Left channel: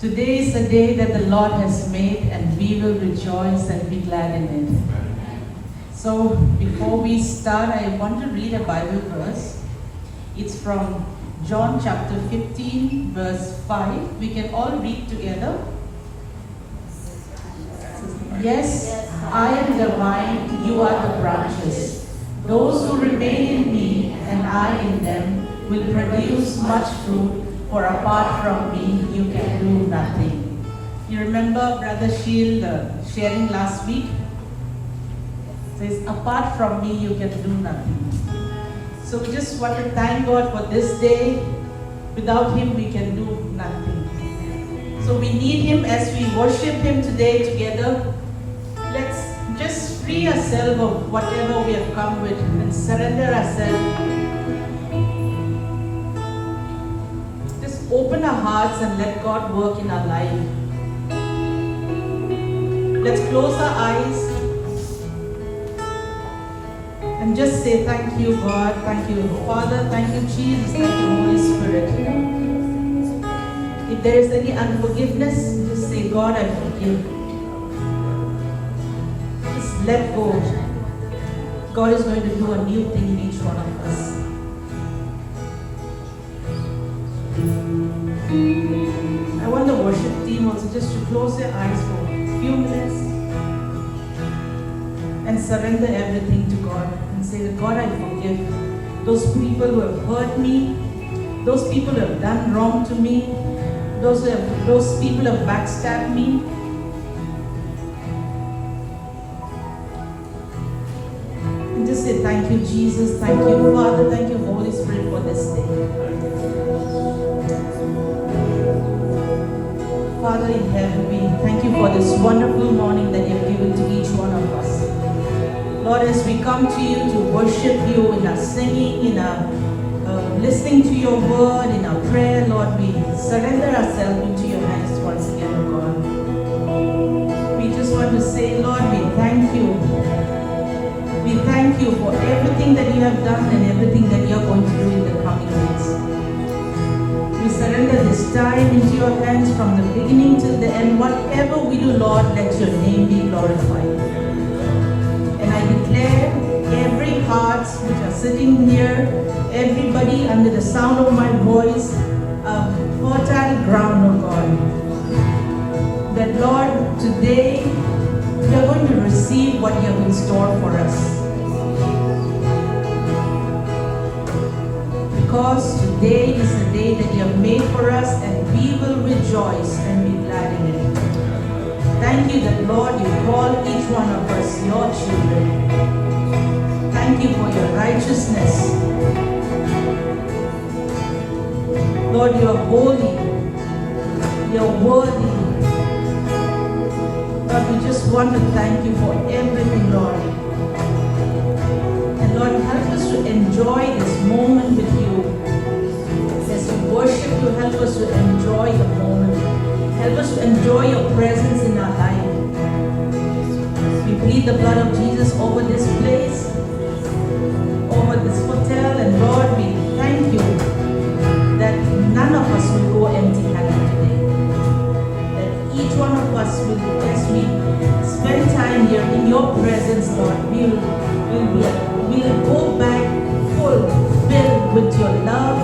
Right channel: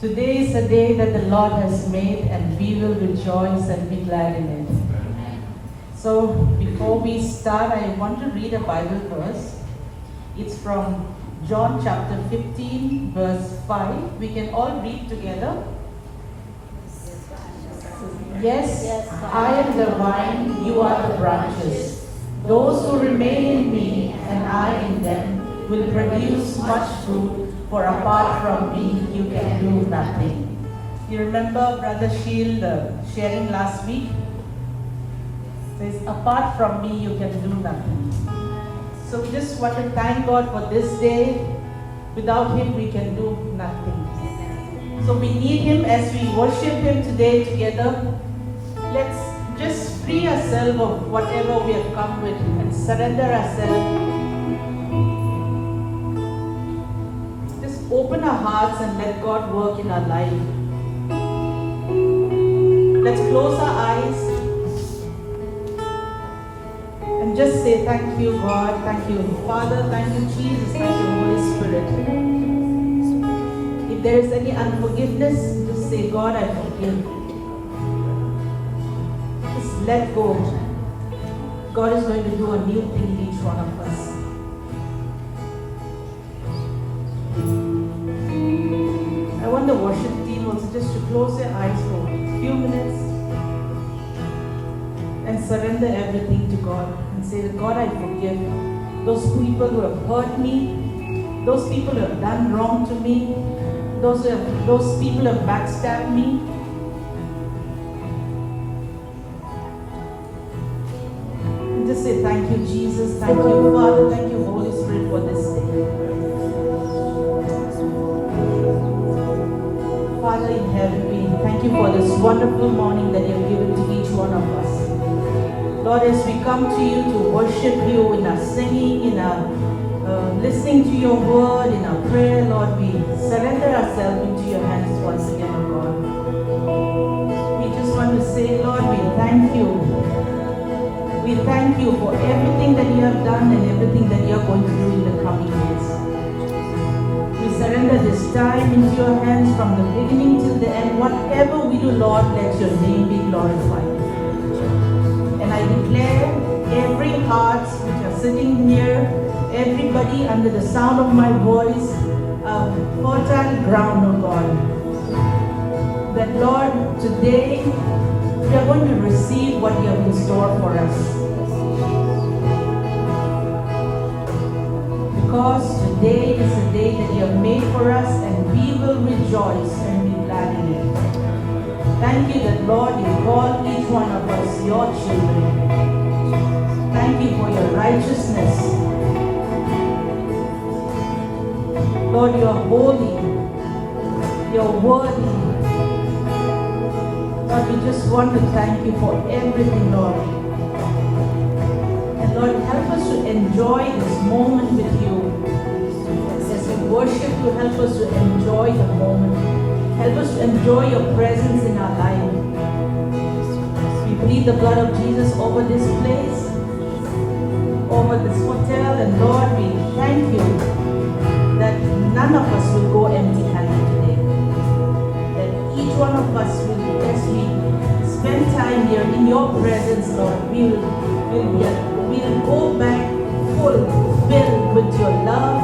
Today is a day that the Lord has made, and we will rejoice and be glad in it. So, before we start, I want to read a Bible verse. It's from John chapter 15, verse 5. We can all read together. Yes, I am the vine, you are the branches. Those who remain in me and I in them will produce much fruit, for apart from me you can do nothing. You remember Brother Shield sharing last week? It says, apart from me you can do nothing. So we just want to thank God for this day. Without Him we can do nothing. So we need Him as we worship Him today together. Let's just free ourselves of whatever we have come with and surrender ourselves. Just open our hearts and let God work in our life. Let's close our eyes and just say thank you, God, thank you, Father, thank you, Jesus, thank you, Holy Spirit. If there is any unforgiveness, just say, God, I forgive. Let go. God is going to do a new thing in each one of us. I want the worship team also just to close their eyes for a few minutes and surrender everything to God and say, God, I forgive those people who have hurt me, those people who have done wrong to me, those people who have backstabbed me. Just say thank you, Jesus, thank you, Father, thank you, Holy Spirit, for this day. Father in heaven, we thank you for this wonderful morning that you have given to each one of us. Lord, as we come to you to worship you in our singing, in our listening to your word, in our prayer, Lord, we surrender ourselves into your hands once again, oh God. We just want to say, Lord, we thank you. We thank you for everything that you have done and everything that you are going to do in the coming weeks. We surrender this time into your hands from the beginning to the end. Whatever we do, Lord, let your name be glorified. And I declare every heart which are sitting here, everybody under the sound of my voice, a fertile ground, oh God. That, Lord, today we are going to receive what you have in store for us. Because today is the day that you have made for us, and we will rejoice and be glad in it. Thank you that, Lord, you call each one of us your children. Thank you for your righteousness. Lord, you are holy. You are worthy. Lord, we just want to thank you for everything, Lord. And Lord, help us to enjoy this moment with you. As we worship you, help us to enjoy the moment. Help us to enjoy your presence in our life. We plead the blood of Jesus over this place, over this hotel, and Lord, we thank you that none of us will go empty-handed today. That each one of us will, as we spend time here in your presence, Lord, we will go back full, filled with your love,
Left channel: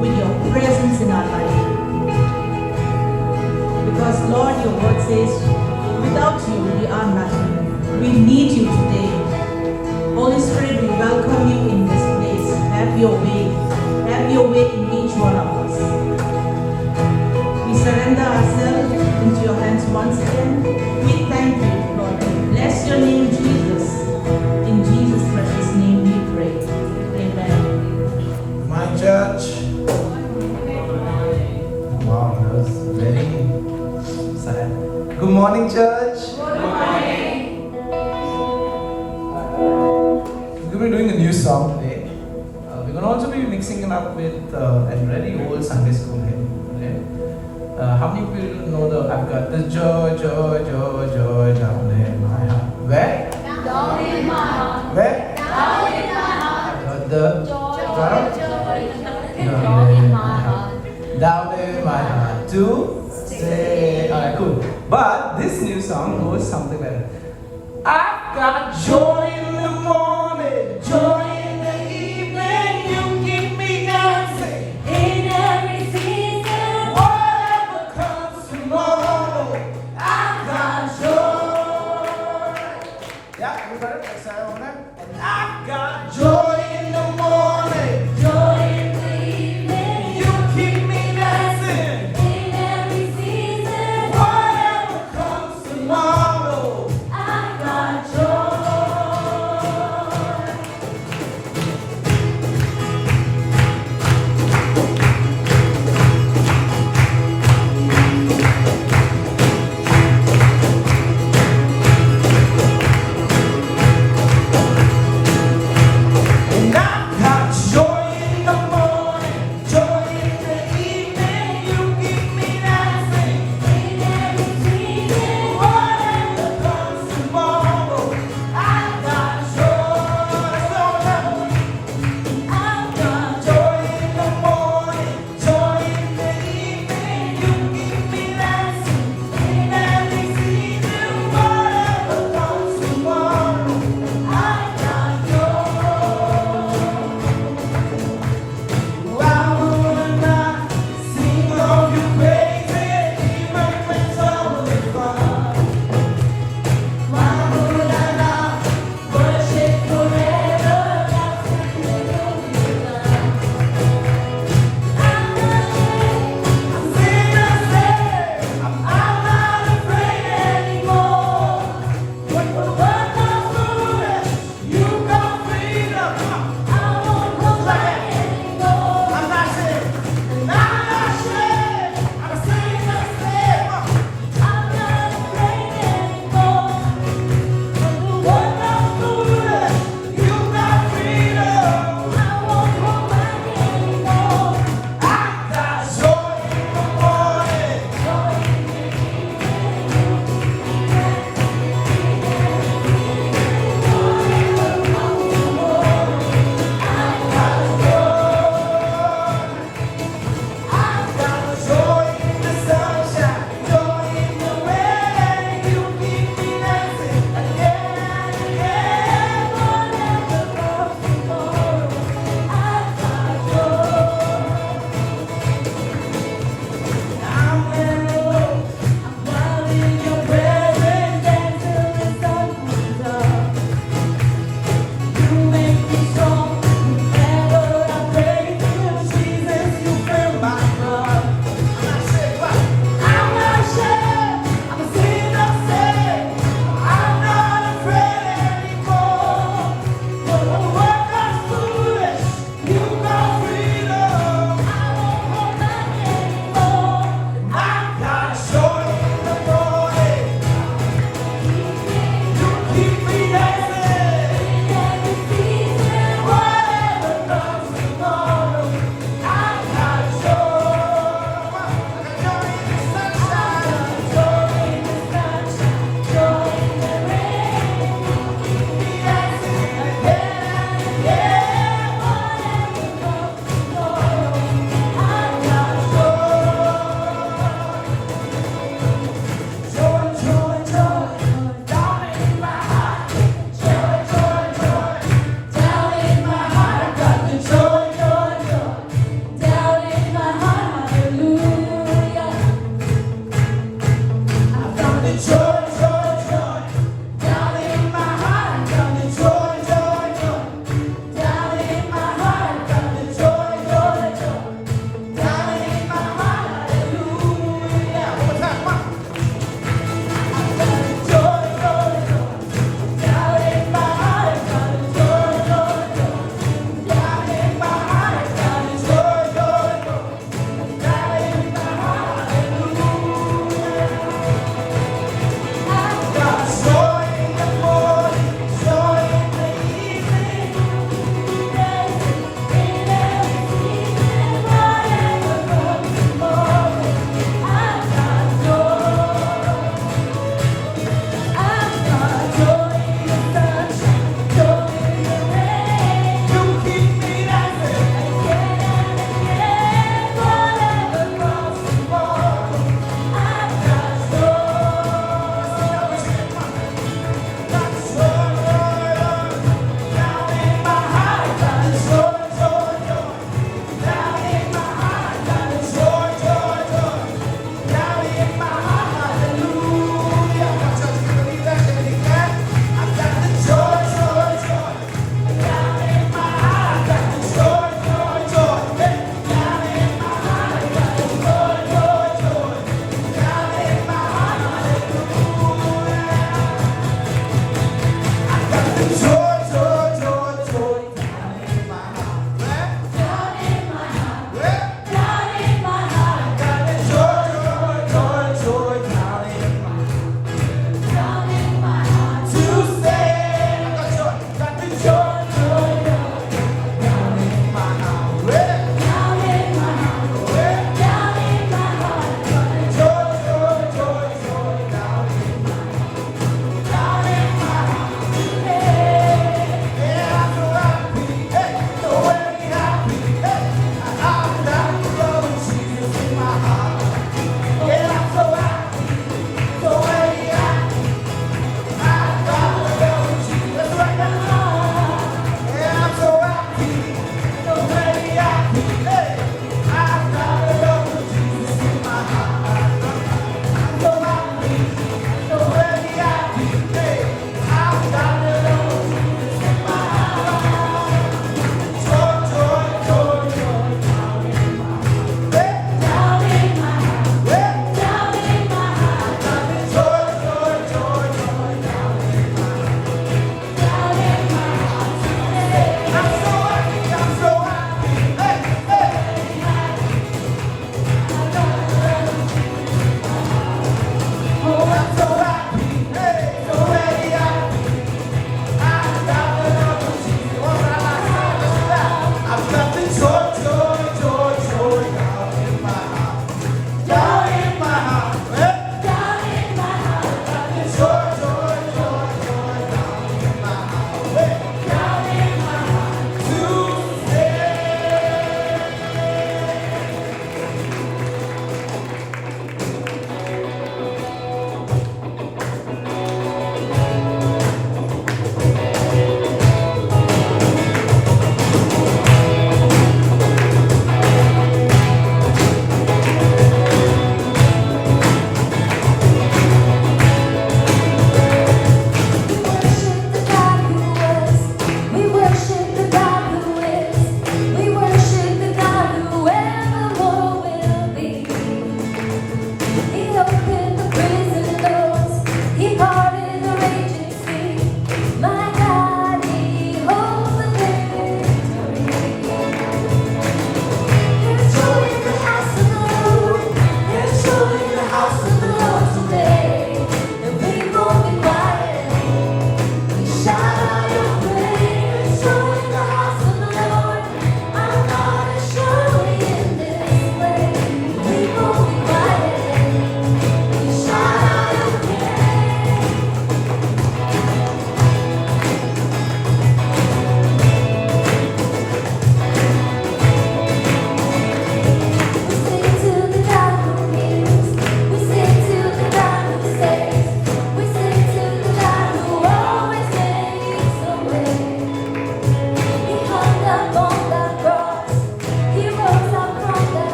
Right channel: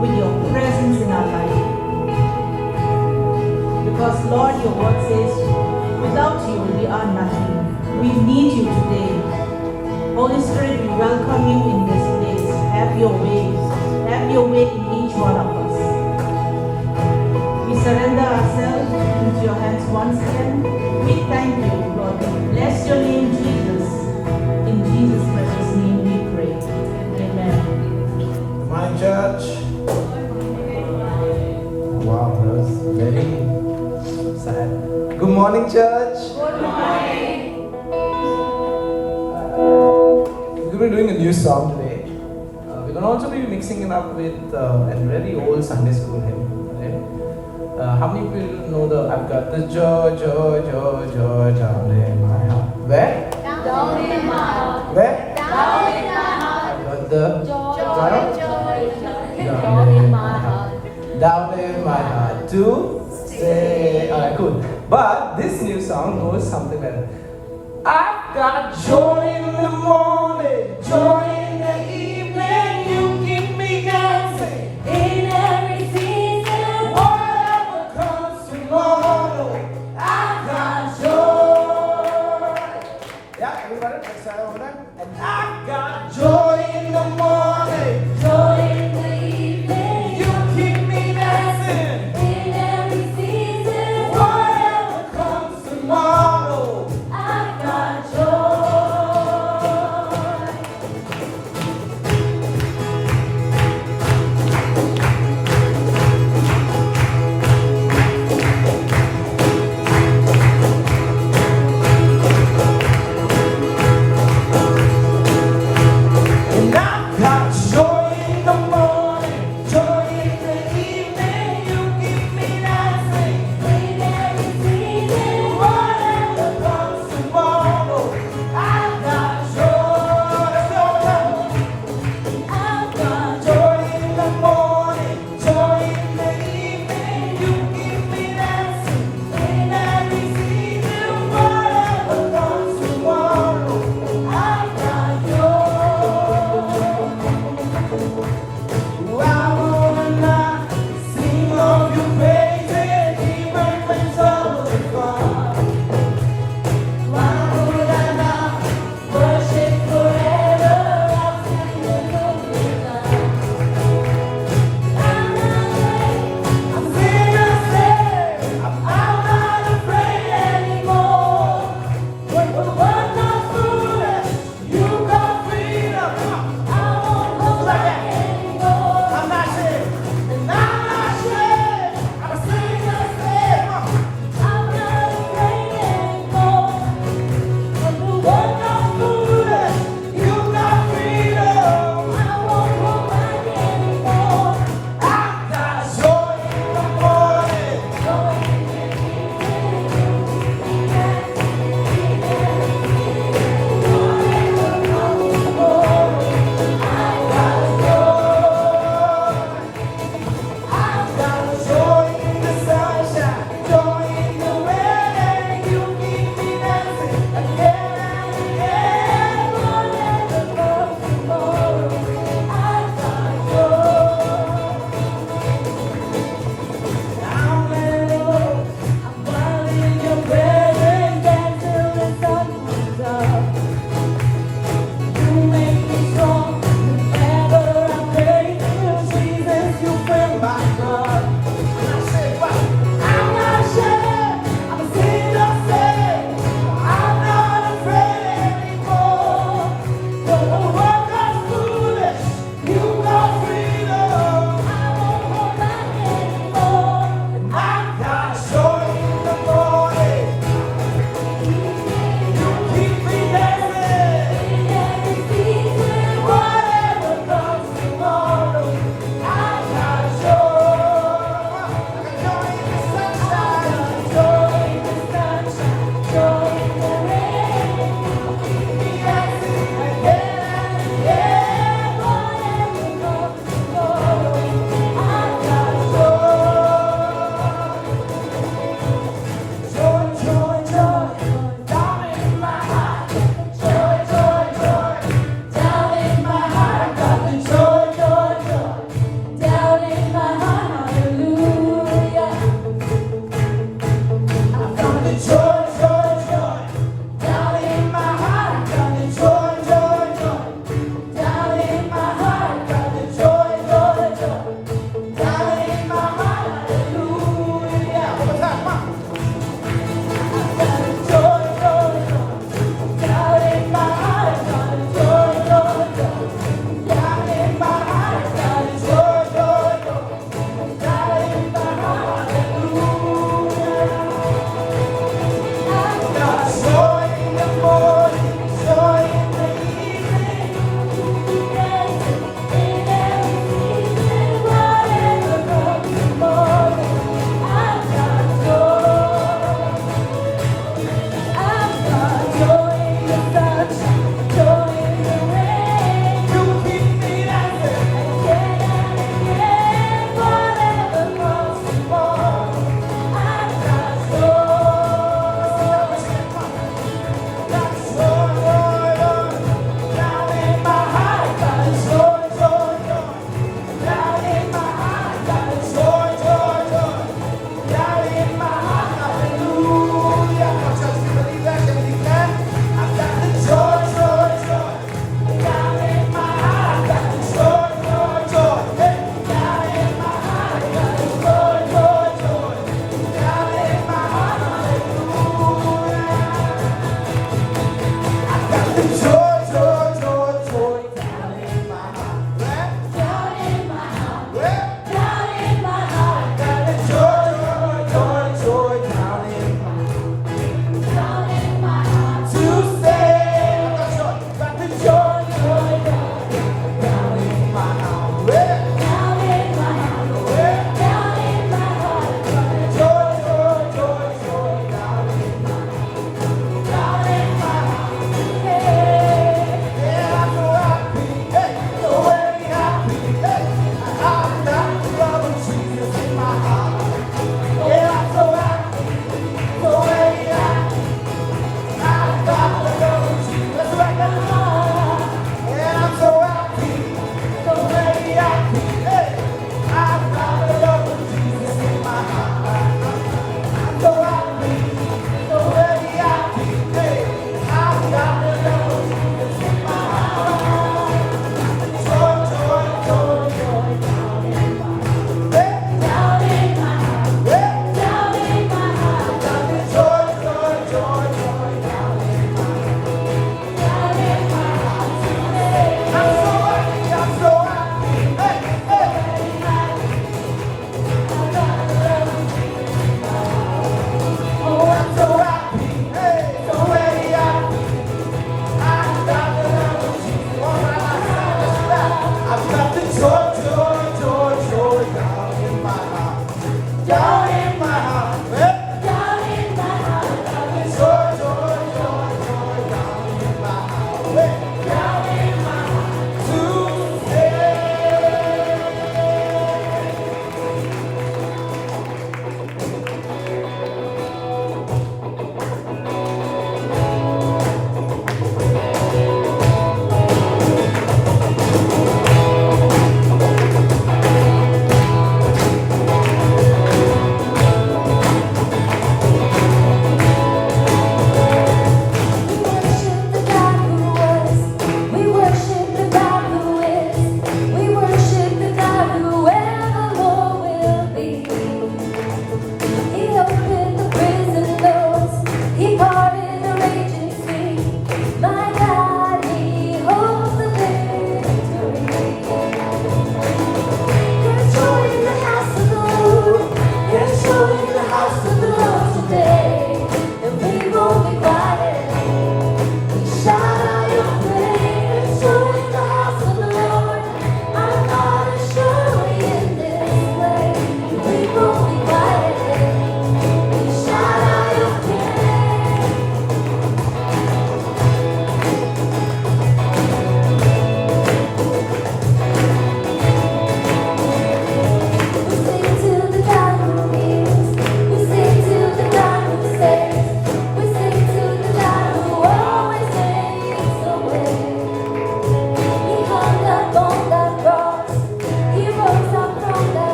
with your presence in our life. Because, Lord, your word says, without you, we are nothing. We need you today. Holy Spirit, we welcome you in this place. Have your way. Have your way in each one of us. We surrender ourselves into your hands once again. We thank you, Lord. We bless your name, Jesus. In Jesus' precious name we pray. Amen. My church. Wow, that was very sad. Good morning, church. Good morning. We're doing a new song today. We're going to also be mixing it up with a very old Sunday school hymn. Right? How many people know I've got the joy, joy, joy, joy down in my heart? Where? Down in my heart. Where? Down in my heart. Got the Joy, down joy, joy, in my heart. Down in my heart. To stay Stay. Alright, cool. But this new song goes something better. I've got joy in the morning, joy in the evening. You keep me dancing In every season, whatever comes tomorrow. I've got joy. Yeah, everybody, let's say that one more. And I've got joy in the morning. joy in the evening. You keep me dancing. In every season, Whatever comes tomorrow. I've got joy.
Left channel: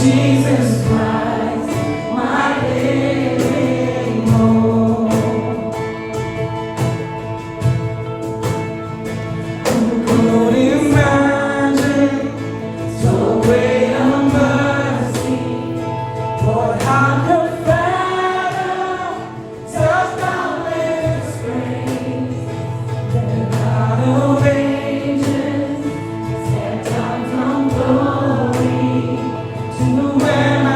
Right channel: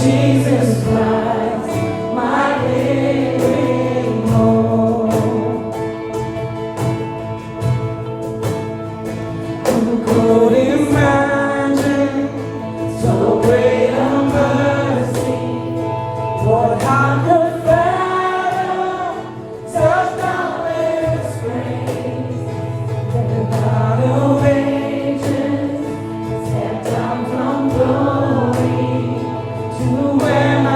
Jesus Christ, my living hope. Could imagine so great a mercy, what I could fathom, touched down with His grace. The God of ages stepped down from glory to where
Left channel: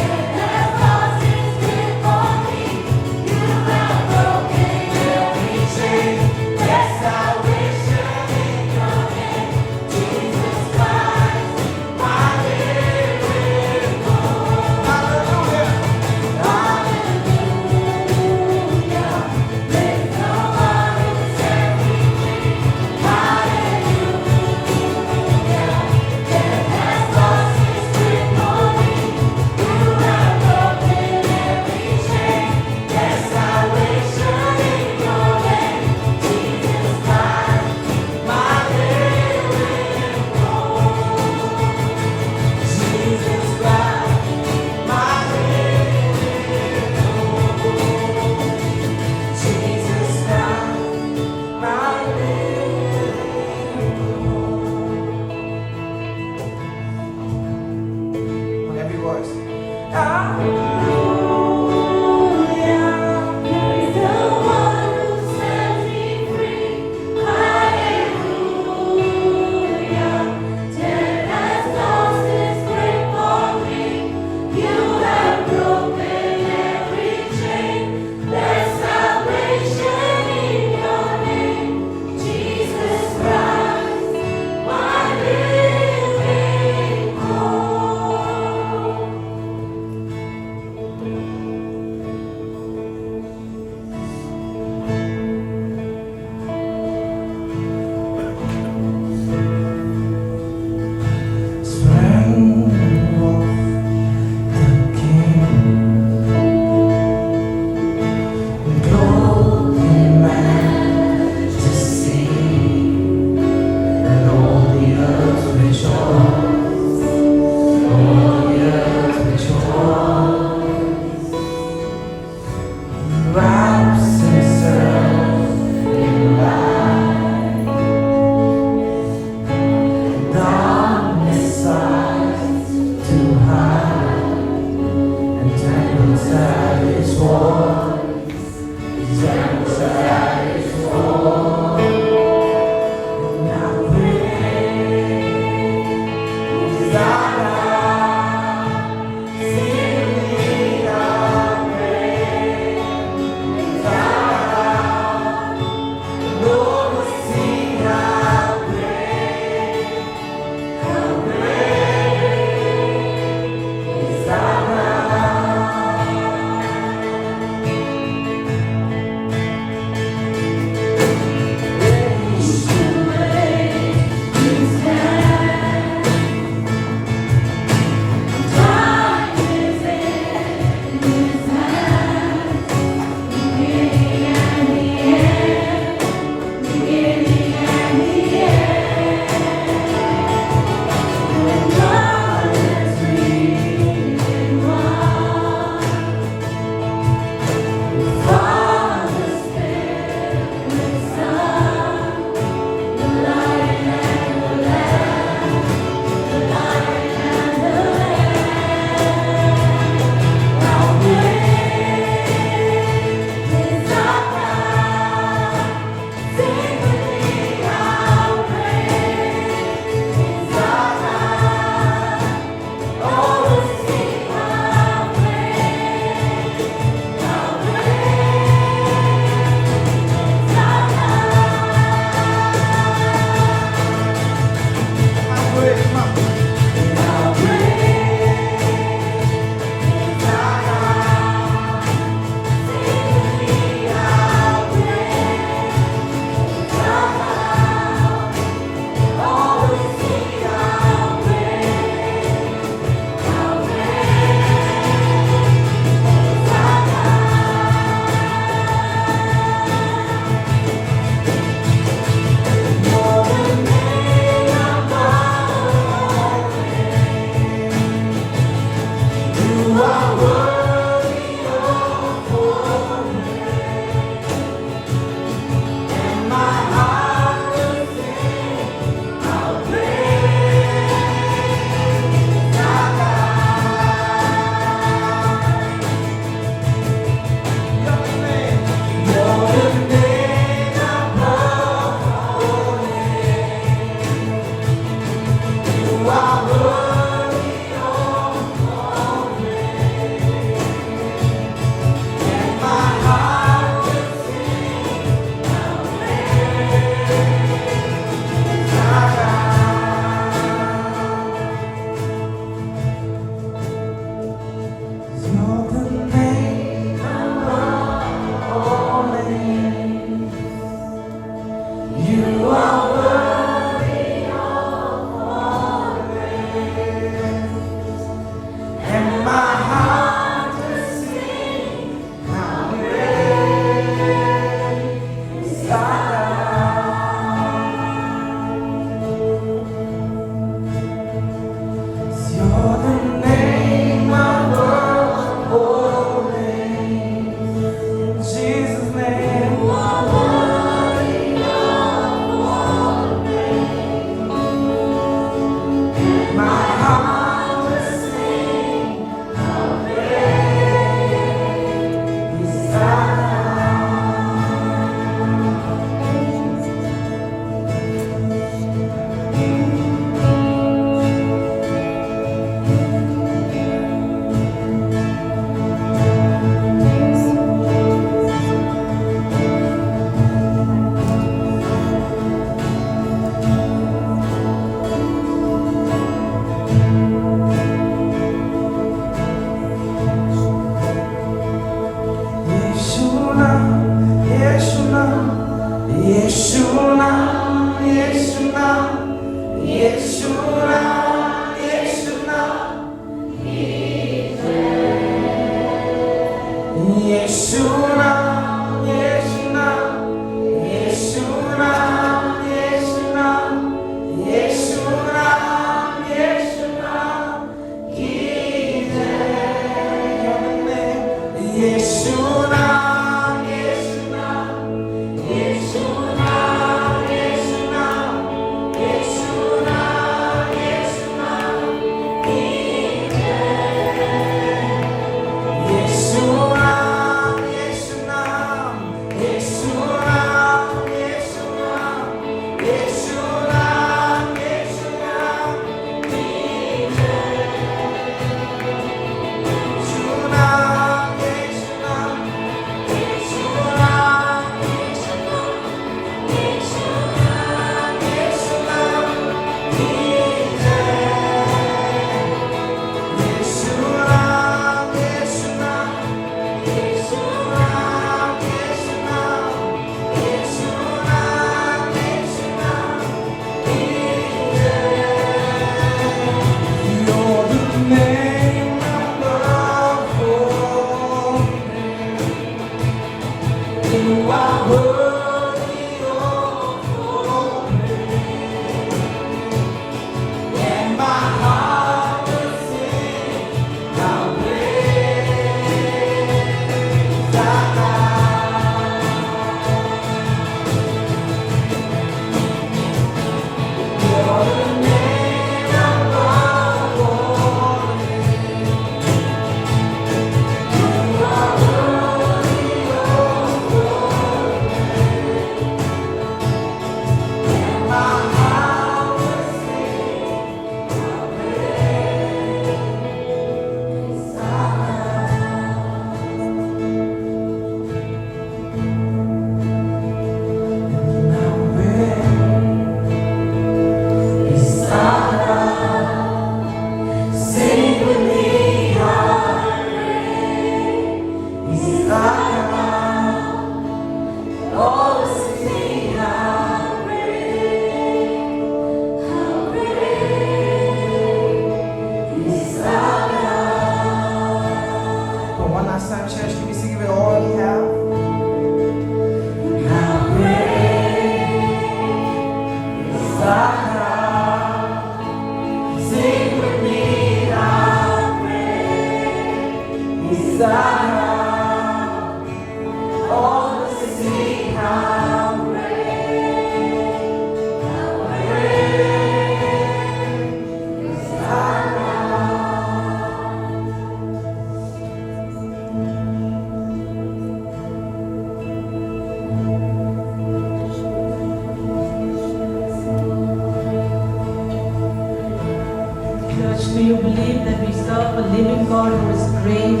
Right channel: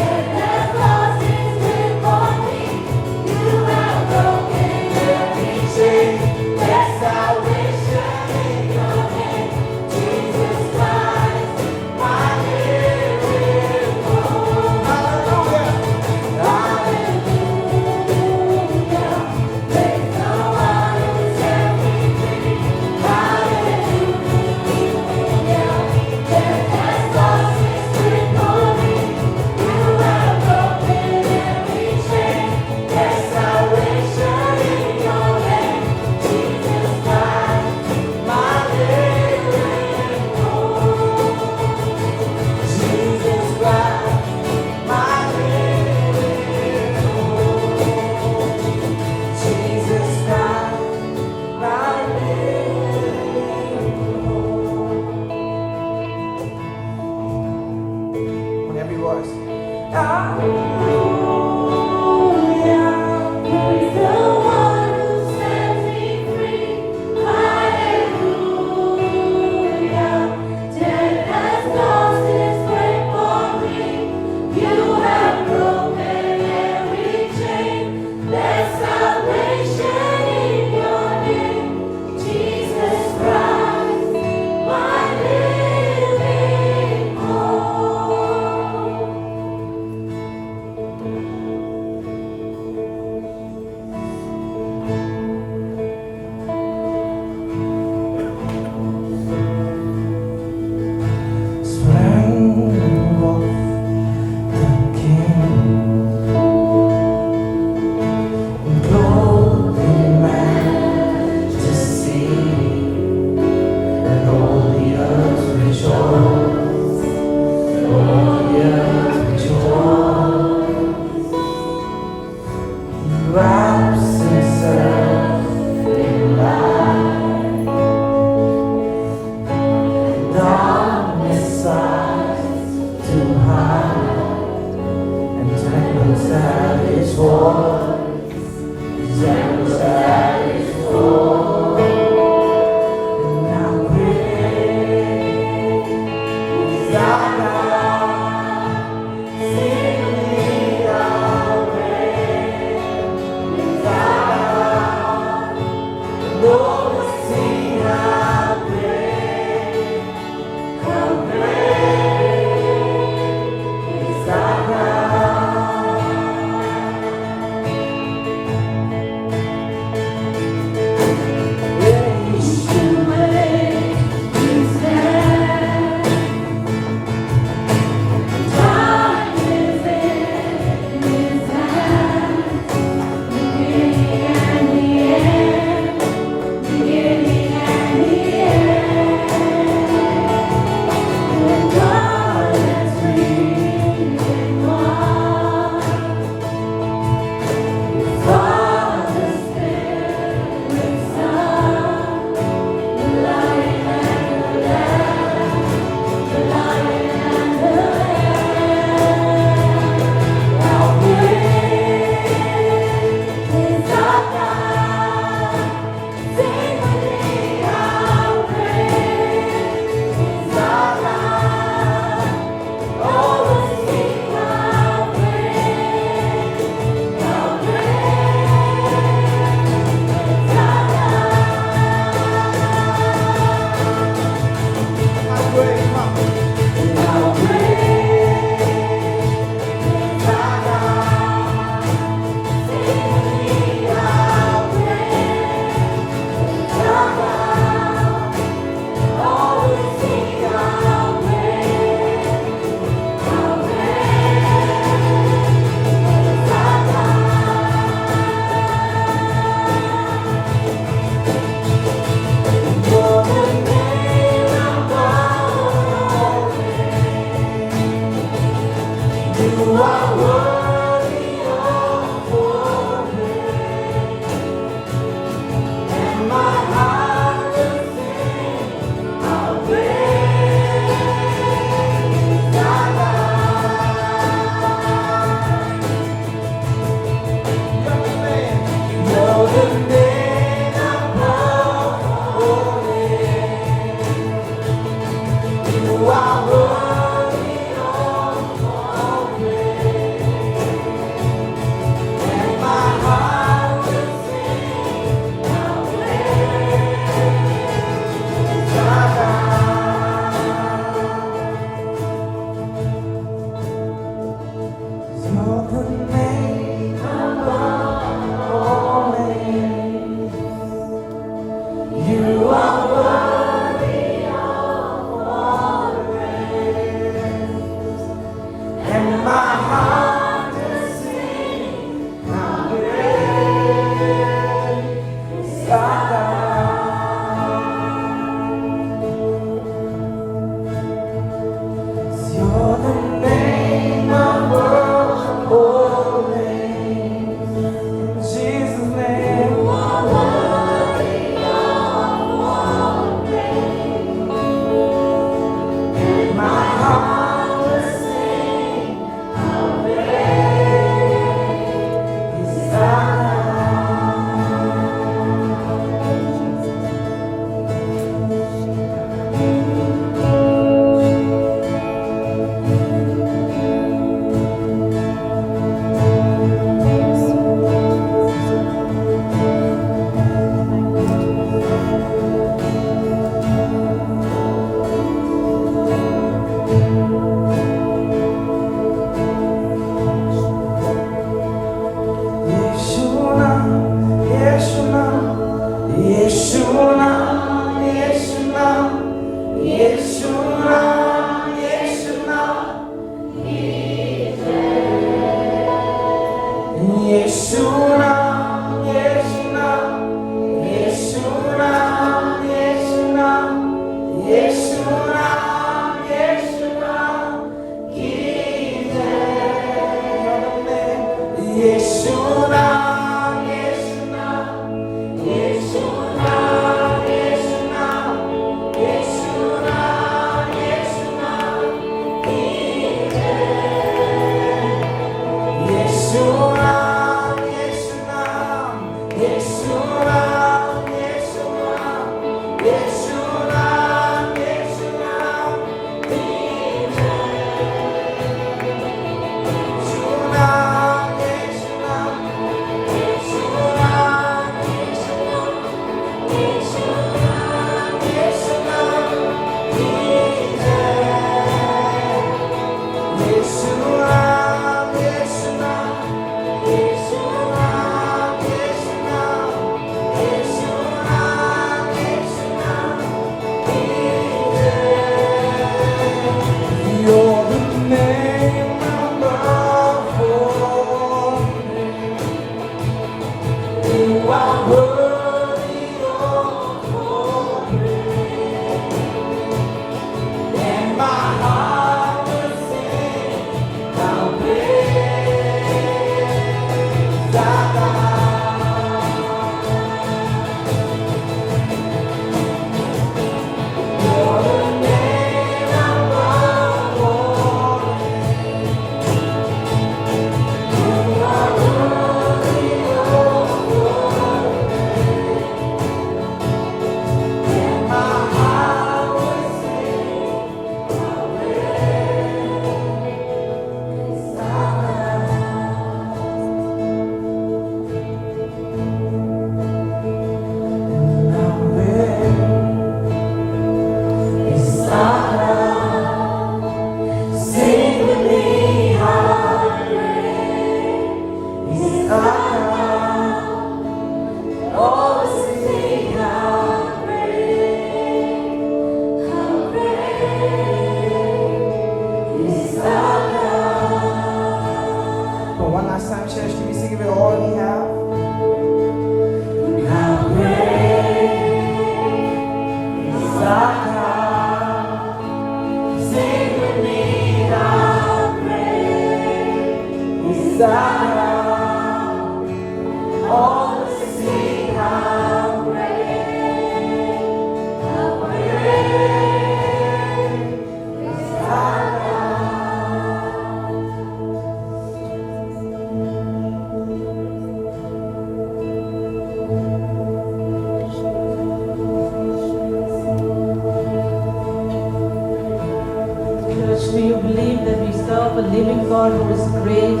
Do you believe that we serve a living God who is great?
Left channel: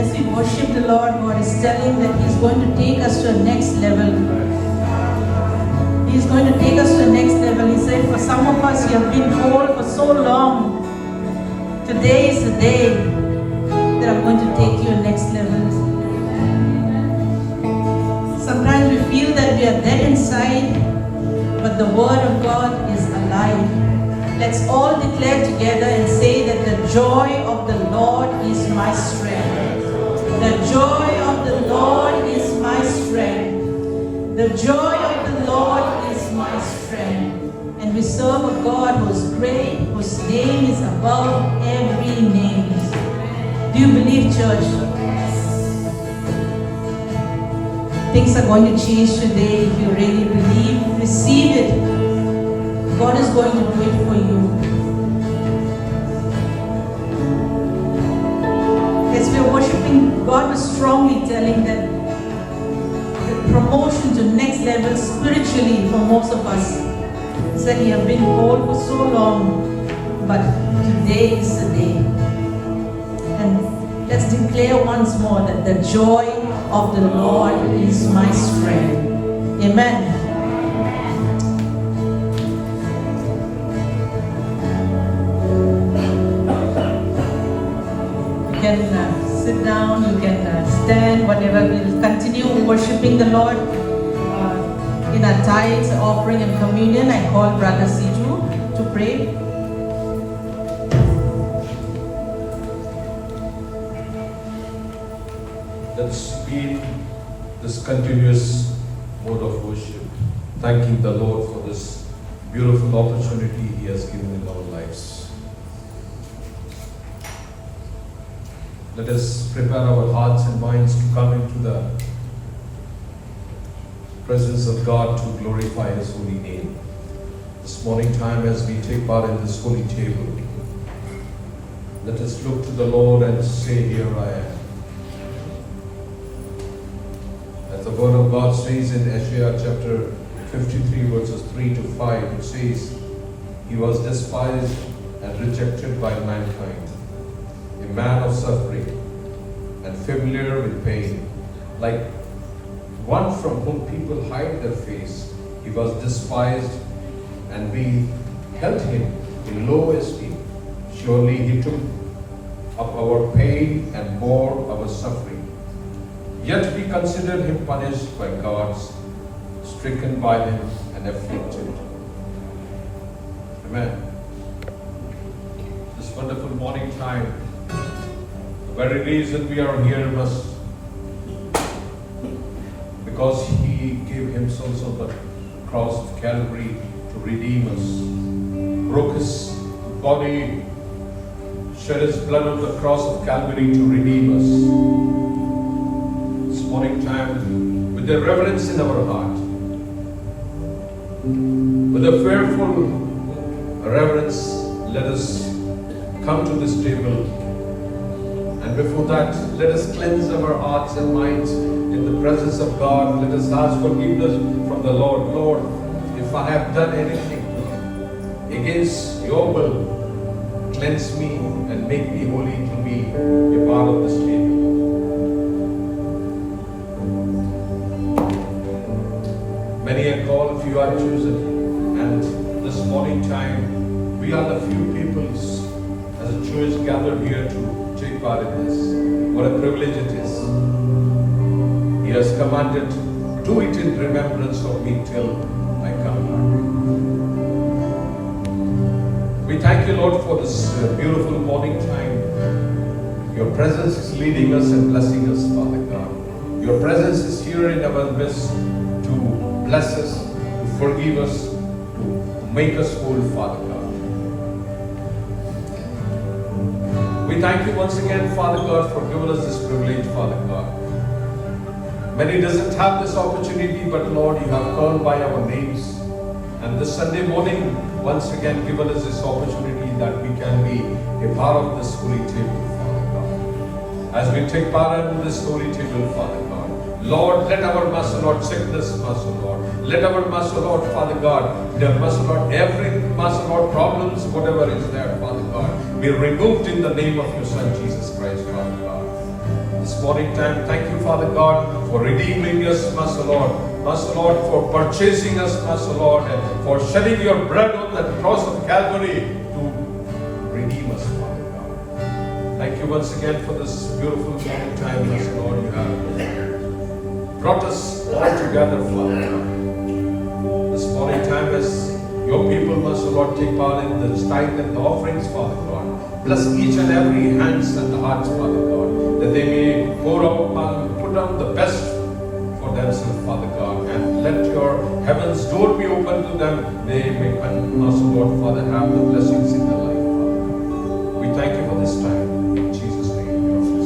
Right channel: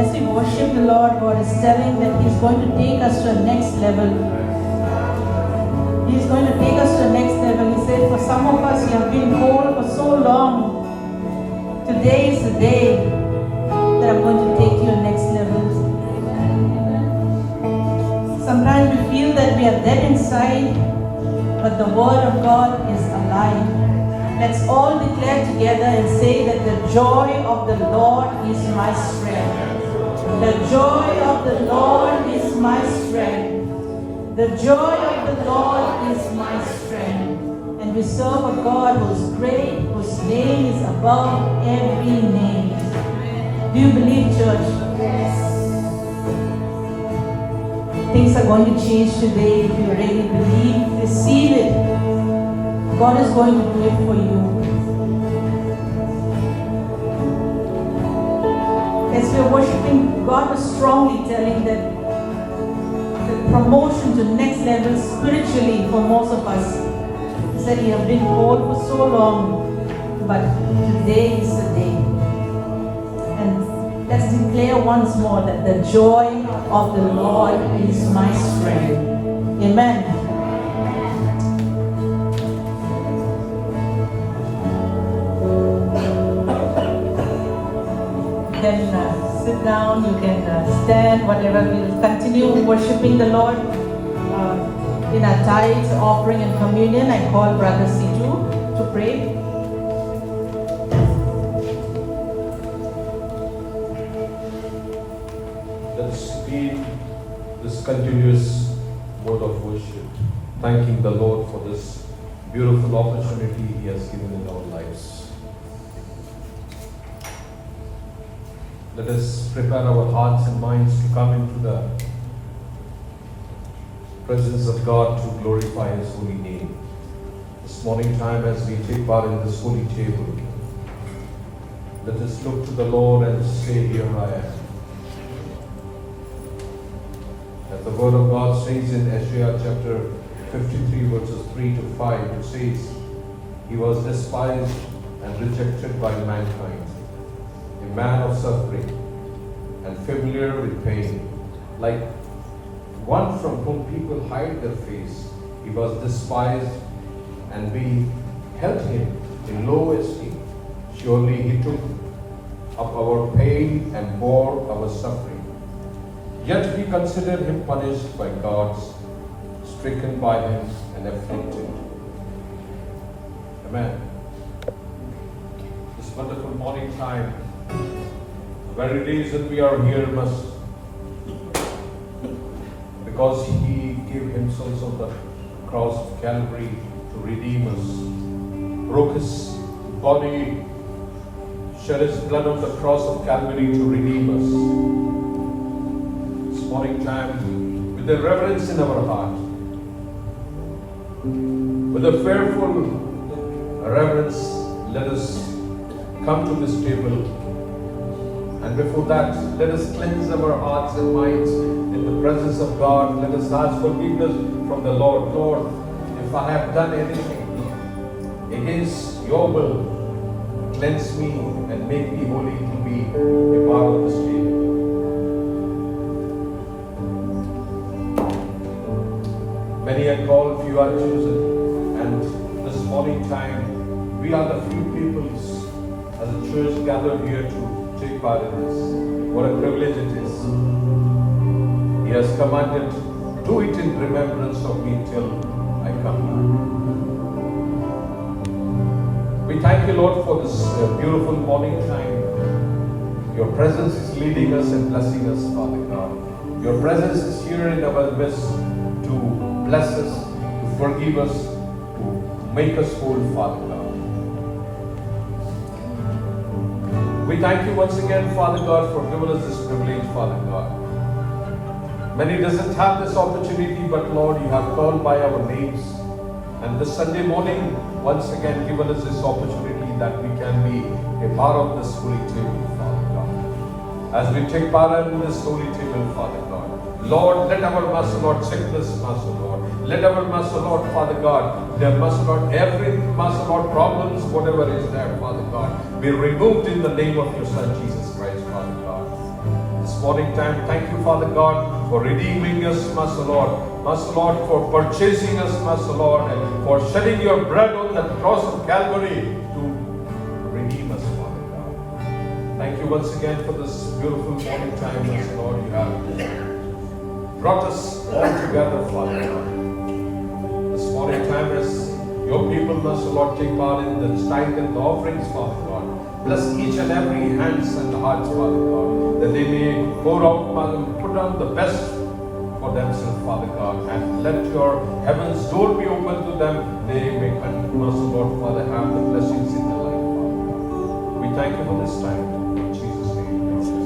As we worship the Lord, God is telling that He's going to take us to the next level. He's going to take us to the next level. He said, for some of us, you have been whole for so long. Today is the day that I'm going to take you to the next level. Sometimes we feel that we are dead inside, but the Word of God is alive. Let's all declare together and say that the joy of the Lord is my strength. The joy of the Lord is my strength. The joy of the Lord is my strength. And we serve a God who is great, whose name is above every name. Do you believe, church? Things are going to change today if you really believe, receive it. God is going to do it for you. As we are worshiping, God was strongly telling that the promotion to next level spiritually for most of us is that we have been whole for so long, but today is the day. And let's declare once more that the joy of the Lord is my strength. Amen. You can sit down, you can stand, whatever. We will continue worshiping the Lord in our tithes, offering, and communion. I call Brother Siju to pray. Let's be this continuous mode of worship, thanking the Lord for this beautiful opportunity He has given in our lives. Let us prepare our hearts and minds to come into the presence of God to glorify His holy name. This morning time as we take part in this holy table, let us look to the Lord and say, "Here I am." As the word of God says in Isaiah chapter 53 verses 3 to 5, it says, "He was despised and rejected by mankind, a man of suffering and familiar with pain, like one from whom people hide their face. He was despised and we held him in low esteem. Surely He took up our pain and bore our suffering. Yet we considered Him punished by God, stricken by Him and afflicted." Amen. This wonderful morning time, the very reason we are here must because He gave Himself on the cross of Calvary to redeem us, broke His body, shed His blood on the cross of Calvary to redeem us. This morning time, with the reverence in our heart, with a fearful reverence, let us come to this table. And before that, let us cleanse our hearts and minds in the presence of God. Let us ask forgiveness from the Lord. Lord, if I have done anything against your will, cleanse me and make me holy to be a part of this table. Many are called, few are chosen. And this morning time, we are the few peoples as a church gathered here to take part in this. What a privilege it is. He has commanded, "Do it in remembrance of me till I come back." We thank you, Lord, for this beautiful morning time. Your presence is leading us and blessing us, Father God. Your presence is here in our midst to bless us, to forgive us, to make us whole, Father God. We thank you once again, Father God, for giving us this privilege, Father God. Many doesn't have this opportunity, but Lord, you have called by our names. And this Sunday morning, once again, given us this opportunity that we can be a part of this holy table, Father God. As we take part in this holy table, Father God, Lord, let our Master Lord sickness, Master Lord. Let our Master Lord, Father God, the Master Lord, every Master Lord problems, whatever is there, Father God, be removed in the name of your Son, Jesus Christ, Father God. This morning time, thank you, Father God, for redeeming us, Master Lord. Master Lord, for purchasing us, Master Lord, and for shedding your blood on the cross of Calvary to redeem us, Father God. Thank you once again for this beautiful morning time, Master Lord. You have brought us all together, Father God. This morning time as your people, Master Lord, take part in the tithe and the offerings, Father God. Bless each and every hands and hearts, Father God, that they may pour out, Father, put on the best for themselves, Father God, and let your heaven's door be open to them. They may, Master Lord, Father, have the blessings in their life, Father God. We thank you for this time. In Jesus' name, we ask.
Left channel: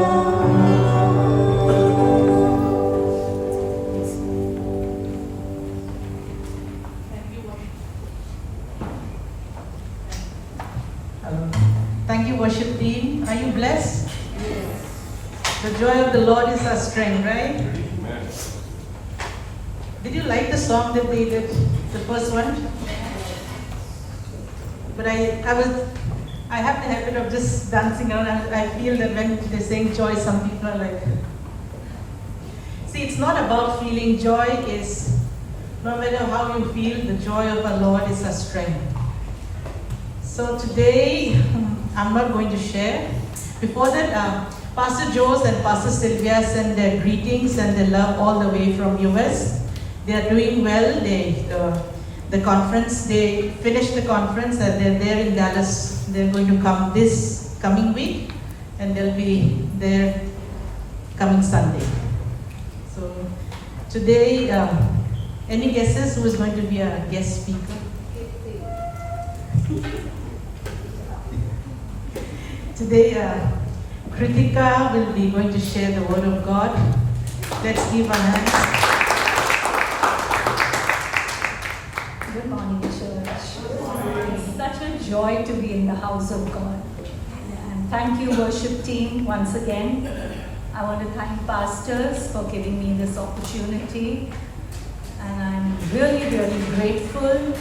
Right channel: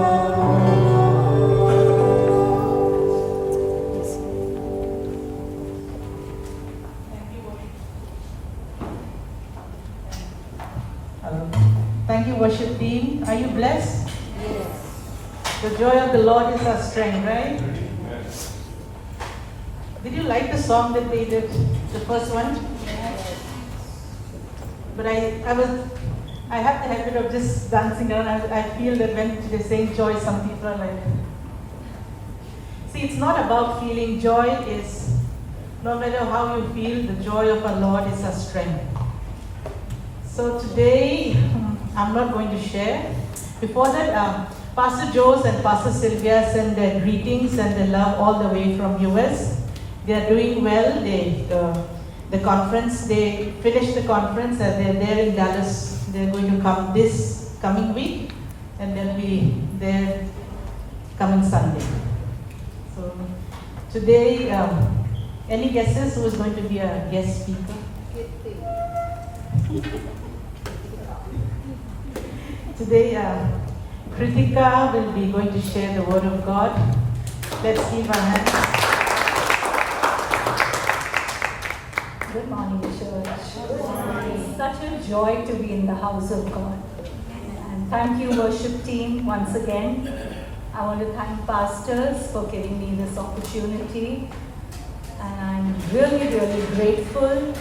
Thank you, worship team. Are you blessed? The joy of the Lord is our strength, right? Did you like the song that they did, the first one? But I have the habit of just dancing around. I feel that when they sing joy, some people are like. See, it's not about feeling joy. Is no matter how you feel, the joy of our Lord is our strength. So today, I'm not going to share. Before that, Pastor Jose and Pastor Sylvia send their greetings and their love all the way from US. They are doing well. The conference, they finished the conference and they're there in Dallas. They're going to come this coming week and they'll be there coming Sunday. So today, any guesses who is going to be a guest speaker? Today, Kritika will be going to share the word of God. Let's give our hands. Good morning, church. It's such a joy to be in the house of God. And thank you, worship team, once again. I want to thank pastors for giving me this opportunity. And I'm really, really grateful.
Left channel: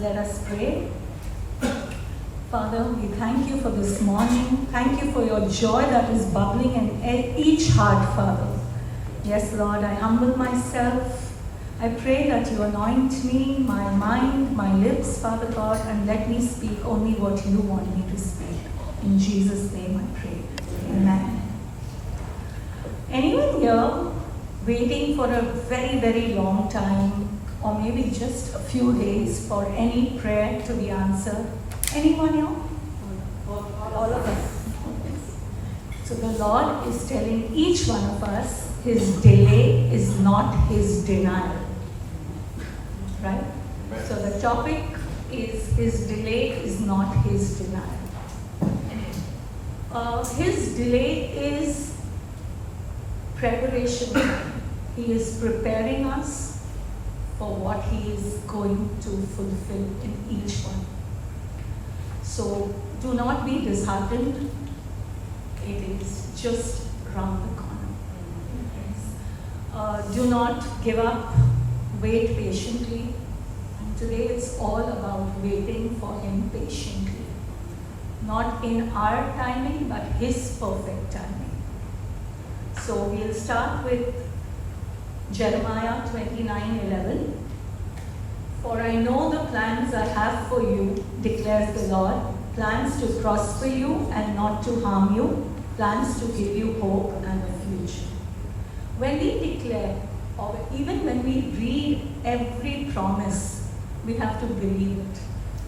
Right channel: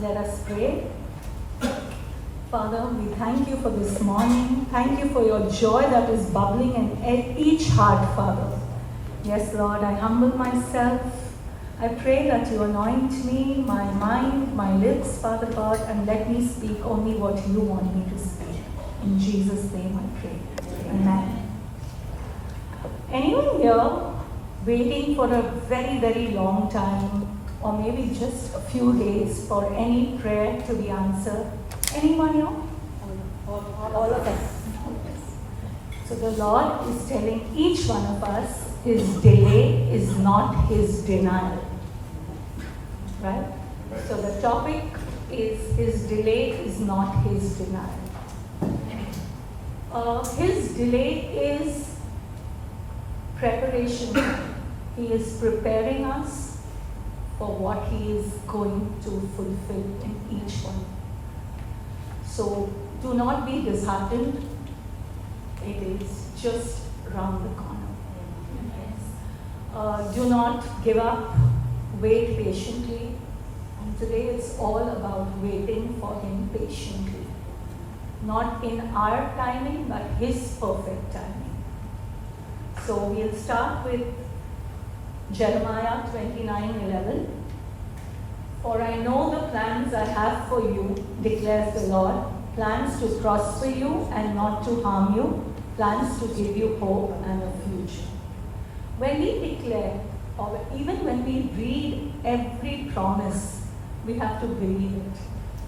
Let us pray. Father, we thank you for this morning. Thank you for your joy that is bubbling in each heart, Father. Yes, Lord, I humble myself. I pray that you anoint me, my mind, my lips, Father God, and let me speak only what you want me to speak. In Jesus' name I pray. Amen. Anyone here waiting for a very, very long time, or maybe just a few days for any prayer to be answered? Anyone here? All of us. So the Lord is telling each one of us, his delay is not his denial. Right? So the topic is his delay is not his denial. His delay is preparation. He is preparing us for what he is going to fulfill in each one. So do not be disheartened. It is just around the corner. Do not give up. Wait patiently. And today is all about waiting for him patiently. Not in our timing, but his perfect timing. So we'll start with Jeremiah 29:11. For I know the plans I have for you, declares the Lord, plans to prosper you and not to harm you, plans to give you hope and a future. When we declare, or even when we read every promise, we have to believe it.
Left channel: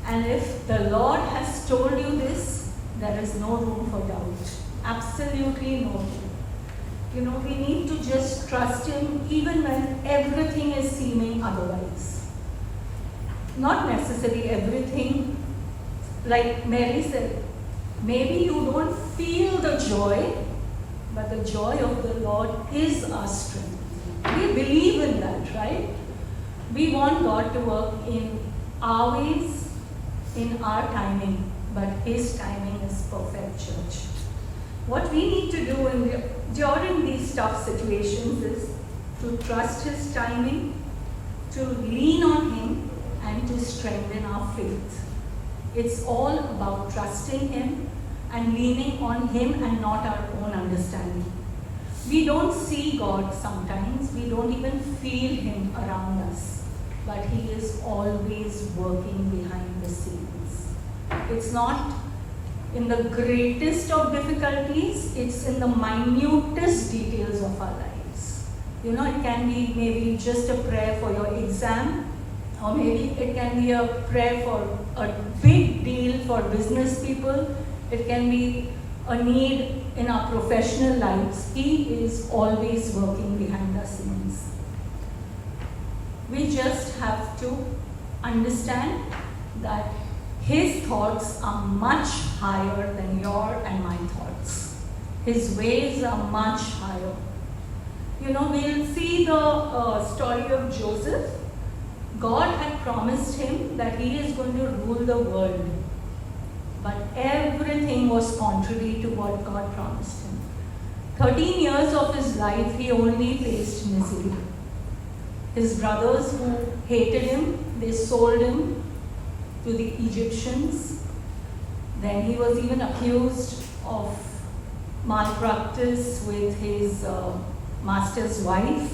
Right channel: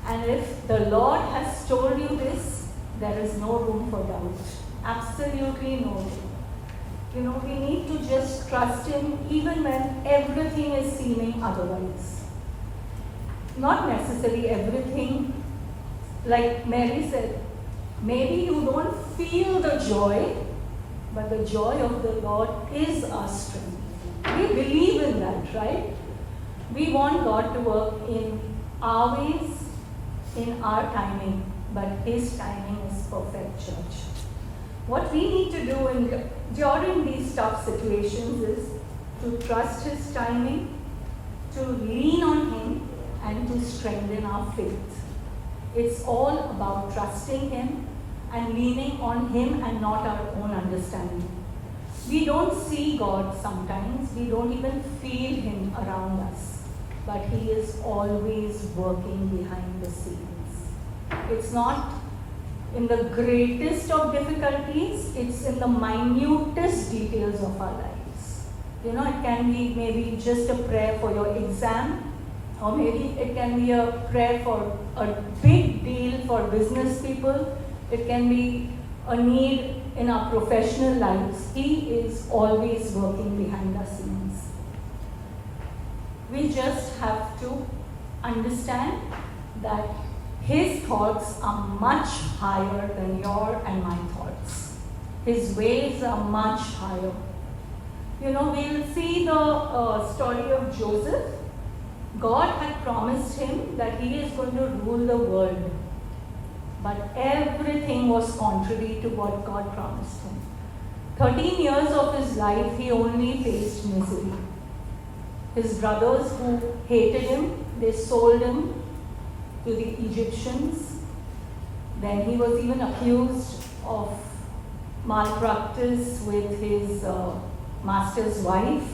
And if the Lord has told you this, there is no room for doubt. Absolutely no room. You know, we need to just trust him even when everything is seeming otherwise. Not necessarily everything. Like Mary said, maybe you don't feel the joy, but the joy of the Lord is our strength. We believe in that, right? We want God to work in our ways, in our timing, but his timing is perfect, church. What we need to do during these tough situations is to trust his timing, to lean on him, and to strengthen our faith. It's all about trusting him and leaning on him and not our own understanding. We don't see God sometimes, we don't even feel him around us, but he is always working behind the scenes. It's not in the greatest of difficulties, it's in the minutest details of our lives. You know, it can be maybe just a prayer for your exam, or maybe it can be a prayer for a big deal for business people. It can be a need in our professional lives. He is always working behind the scenes. We just have to understand that his thoughts are much higher than your and my thoughts. His ways are much higher. You know, we'll see the story of Joseph. God had promised him that he is going to rule the world. But everything was contrary to what God promised him. 13 years of his life, he only faced misery. His brothers who hated him, they sold him to the Egyptians. Then he was even accused of malpractice with his master's wife.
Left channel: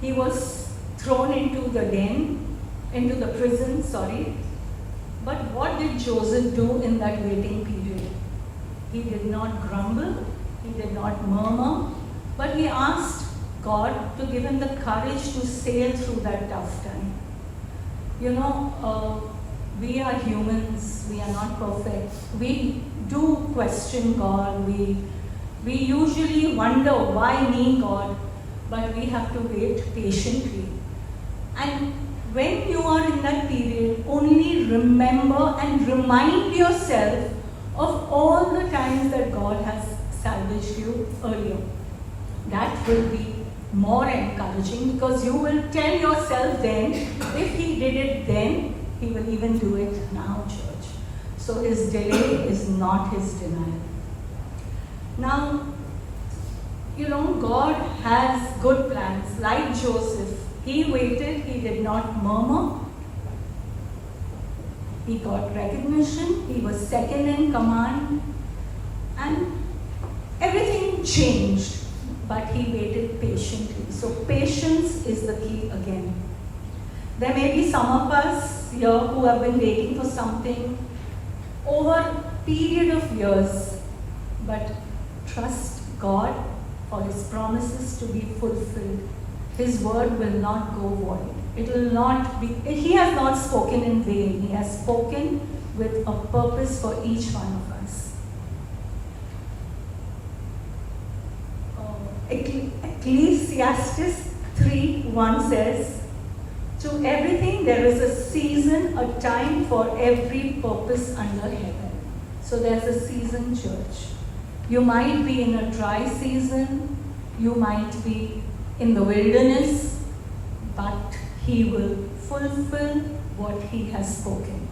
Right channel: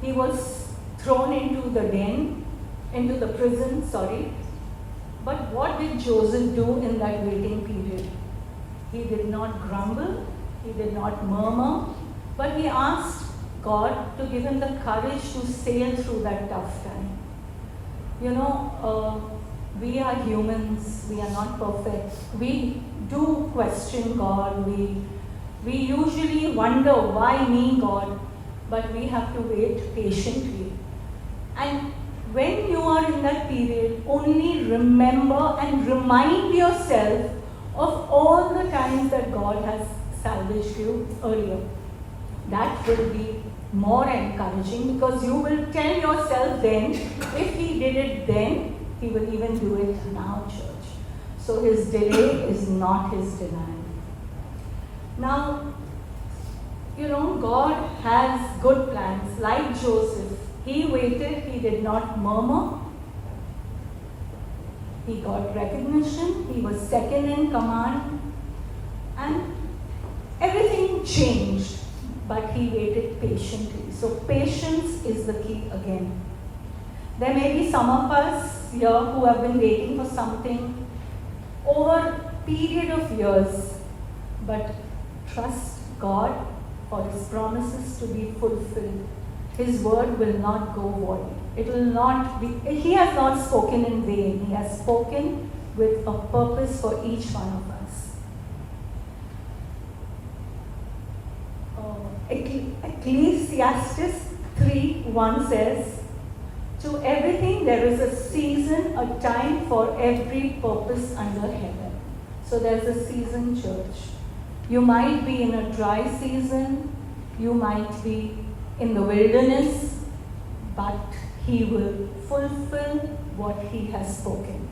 He was thrown into the prison, sorry. But what did Joseph do in that waiting period? He did not grumble, he did not murmur, but he asked God to give him the courage to sail through that tough time. You know, we are humans, we are not perfect. We do question God, we usually wonder, why me, God? But we have to wait patiently. And when you are in that period, only remember and remind yourself of all the times that God has salvaged you earlier. That will be more encouraging, because you will tell yourself then, if he did it then, he will even do it now, church. So his delay is not his denial. Now, you know, God has good plans. Like Joseph, he waited, he did not murmur. He got recognition, he was second in command, and everything changed, but he waited patiently. So patience is the key again. There may be some of us here who have been waiting for something over a period of years, but trust God for his promises to be fulfilled. His word will not go void. It will not be, he has not spoken in vain. He has spoken with a purpose for each one of us. Ecclesiastes 3:1 says, to everything there is a season, a time for every purpose under heaven. So there's a season, church. You might be in a dry season, you might be in the wilderness, but he will fulfill what he has spoken.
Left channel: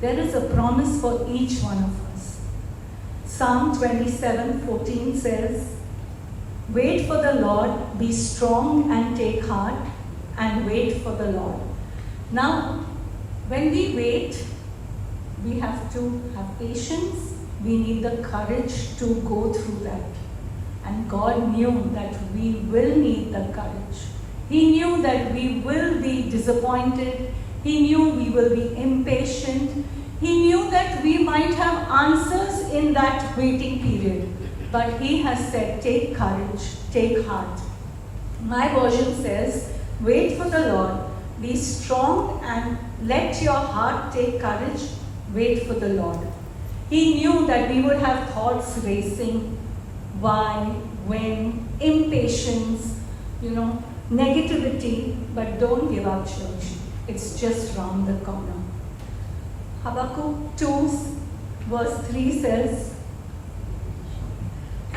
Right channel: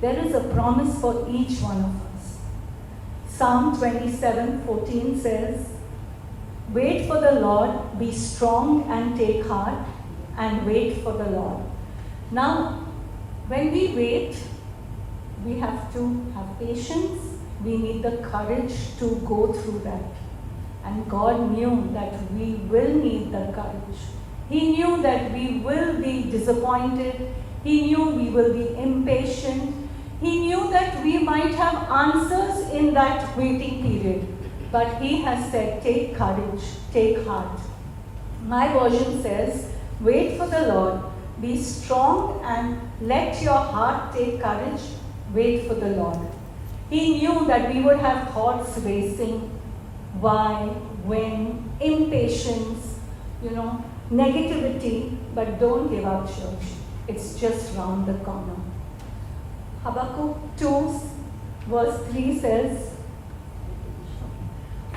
There is a promise for each one of us. Psalm 27:14 says, wait for the Lord, be strong and take heart, and wait for the Lord. Now, when we wait, we have to have patience. We need the courage to go through that. And God knew that we will need the courage. He knew that we will be disappointed. He knew we will be impatient. He knew that we might have answers in that waiting period. But he has said, take courage, take heart. My version says, wait for the Lord, be strong and let your heart take courage, wait for the Lord. He knew that we would have thoughts racing, why, when, impatience, negativity, but don't give up, church. It's just round the corner. Habakkuk 2 verse 3 says,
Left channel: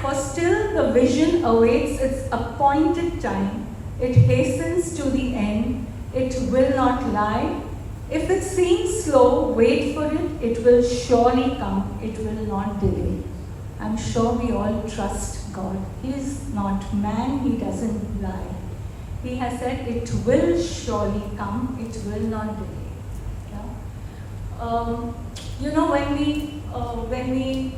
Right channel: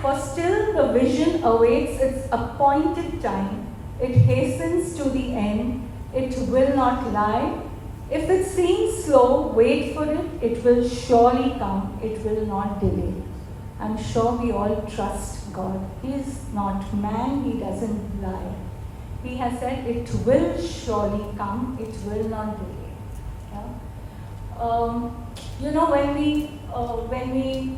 for still the vision awaits its appointed time. It hastens to the end. It will not lie. If it seems slow, wait for it. It will surely come. It will not delay. I'm sure we all trust God. He is not man. He doesn't lie. He has said it will surely come. It will not delay. When we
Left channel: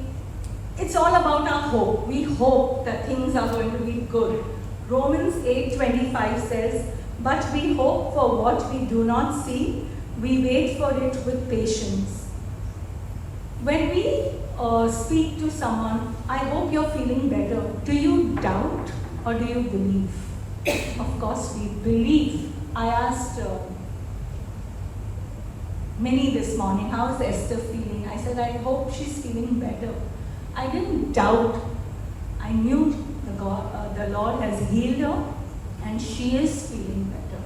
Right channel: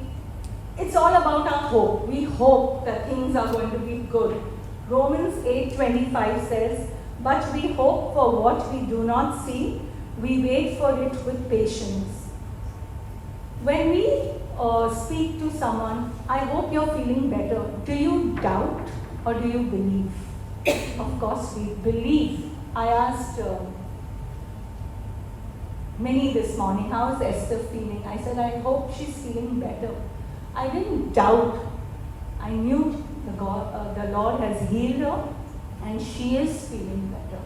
it's all about our hope. We hope that things are going to be good. Romans 8:25 says, but we hope for what we do not see. We wait for it with patience. When we speak to someone, I hope you're feeling better. Do you doubt or do you believe? Of course, we believe. I asked Minnie this morning, how's Esther feeling? I said, I hope she's feeling better. I didn't doubt. I knew the Lord has healed her and she is feeling better.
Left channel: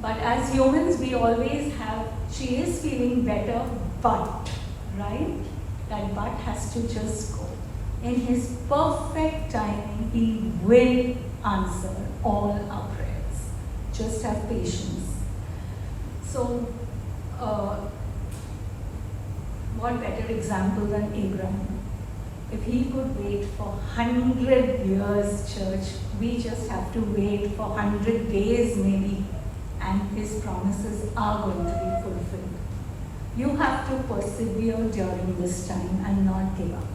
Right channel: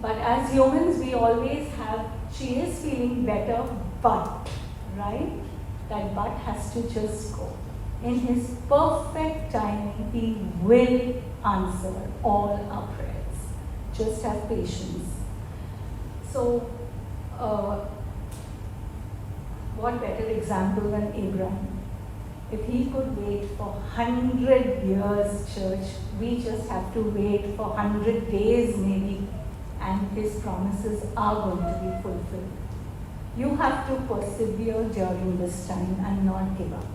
But as humans, we always have, she is feeling better, but, right? That but has to just go. In His perfect timing, He will answer all our prayers. Just have patience. So, what better example than Abraham? If he could wait for 100 years, church, we just have to wait for 100 days maybe, and His promises are going to be fulfilled. You have to persevere during this time and not give up.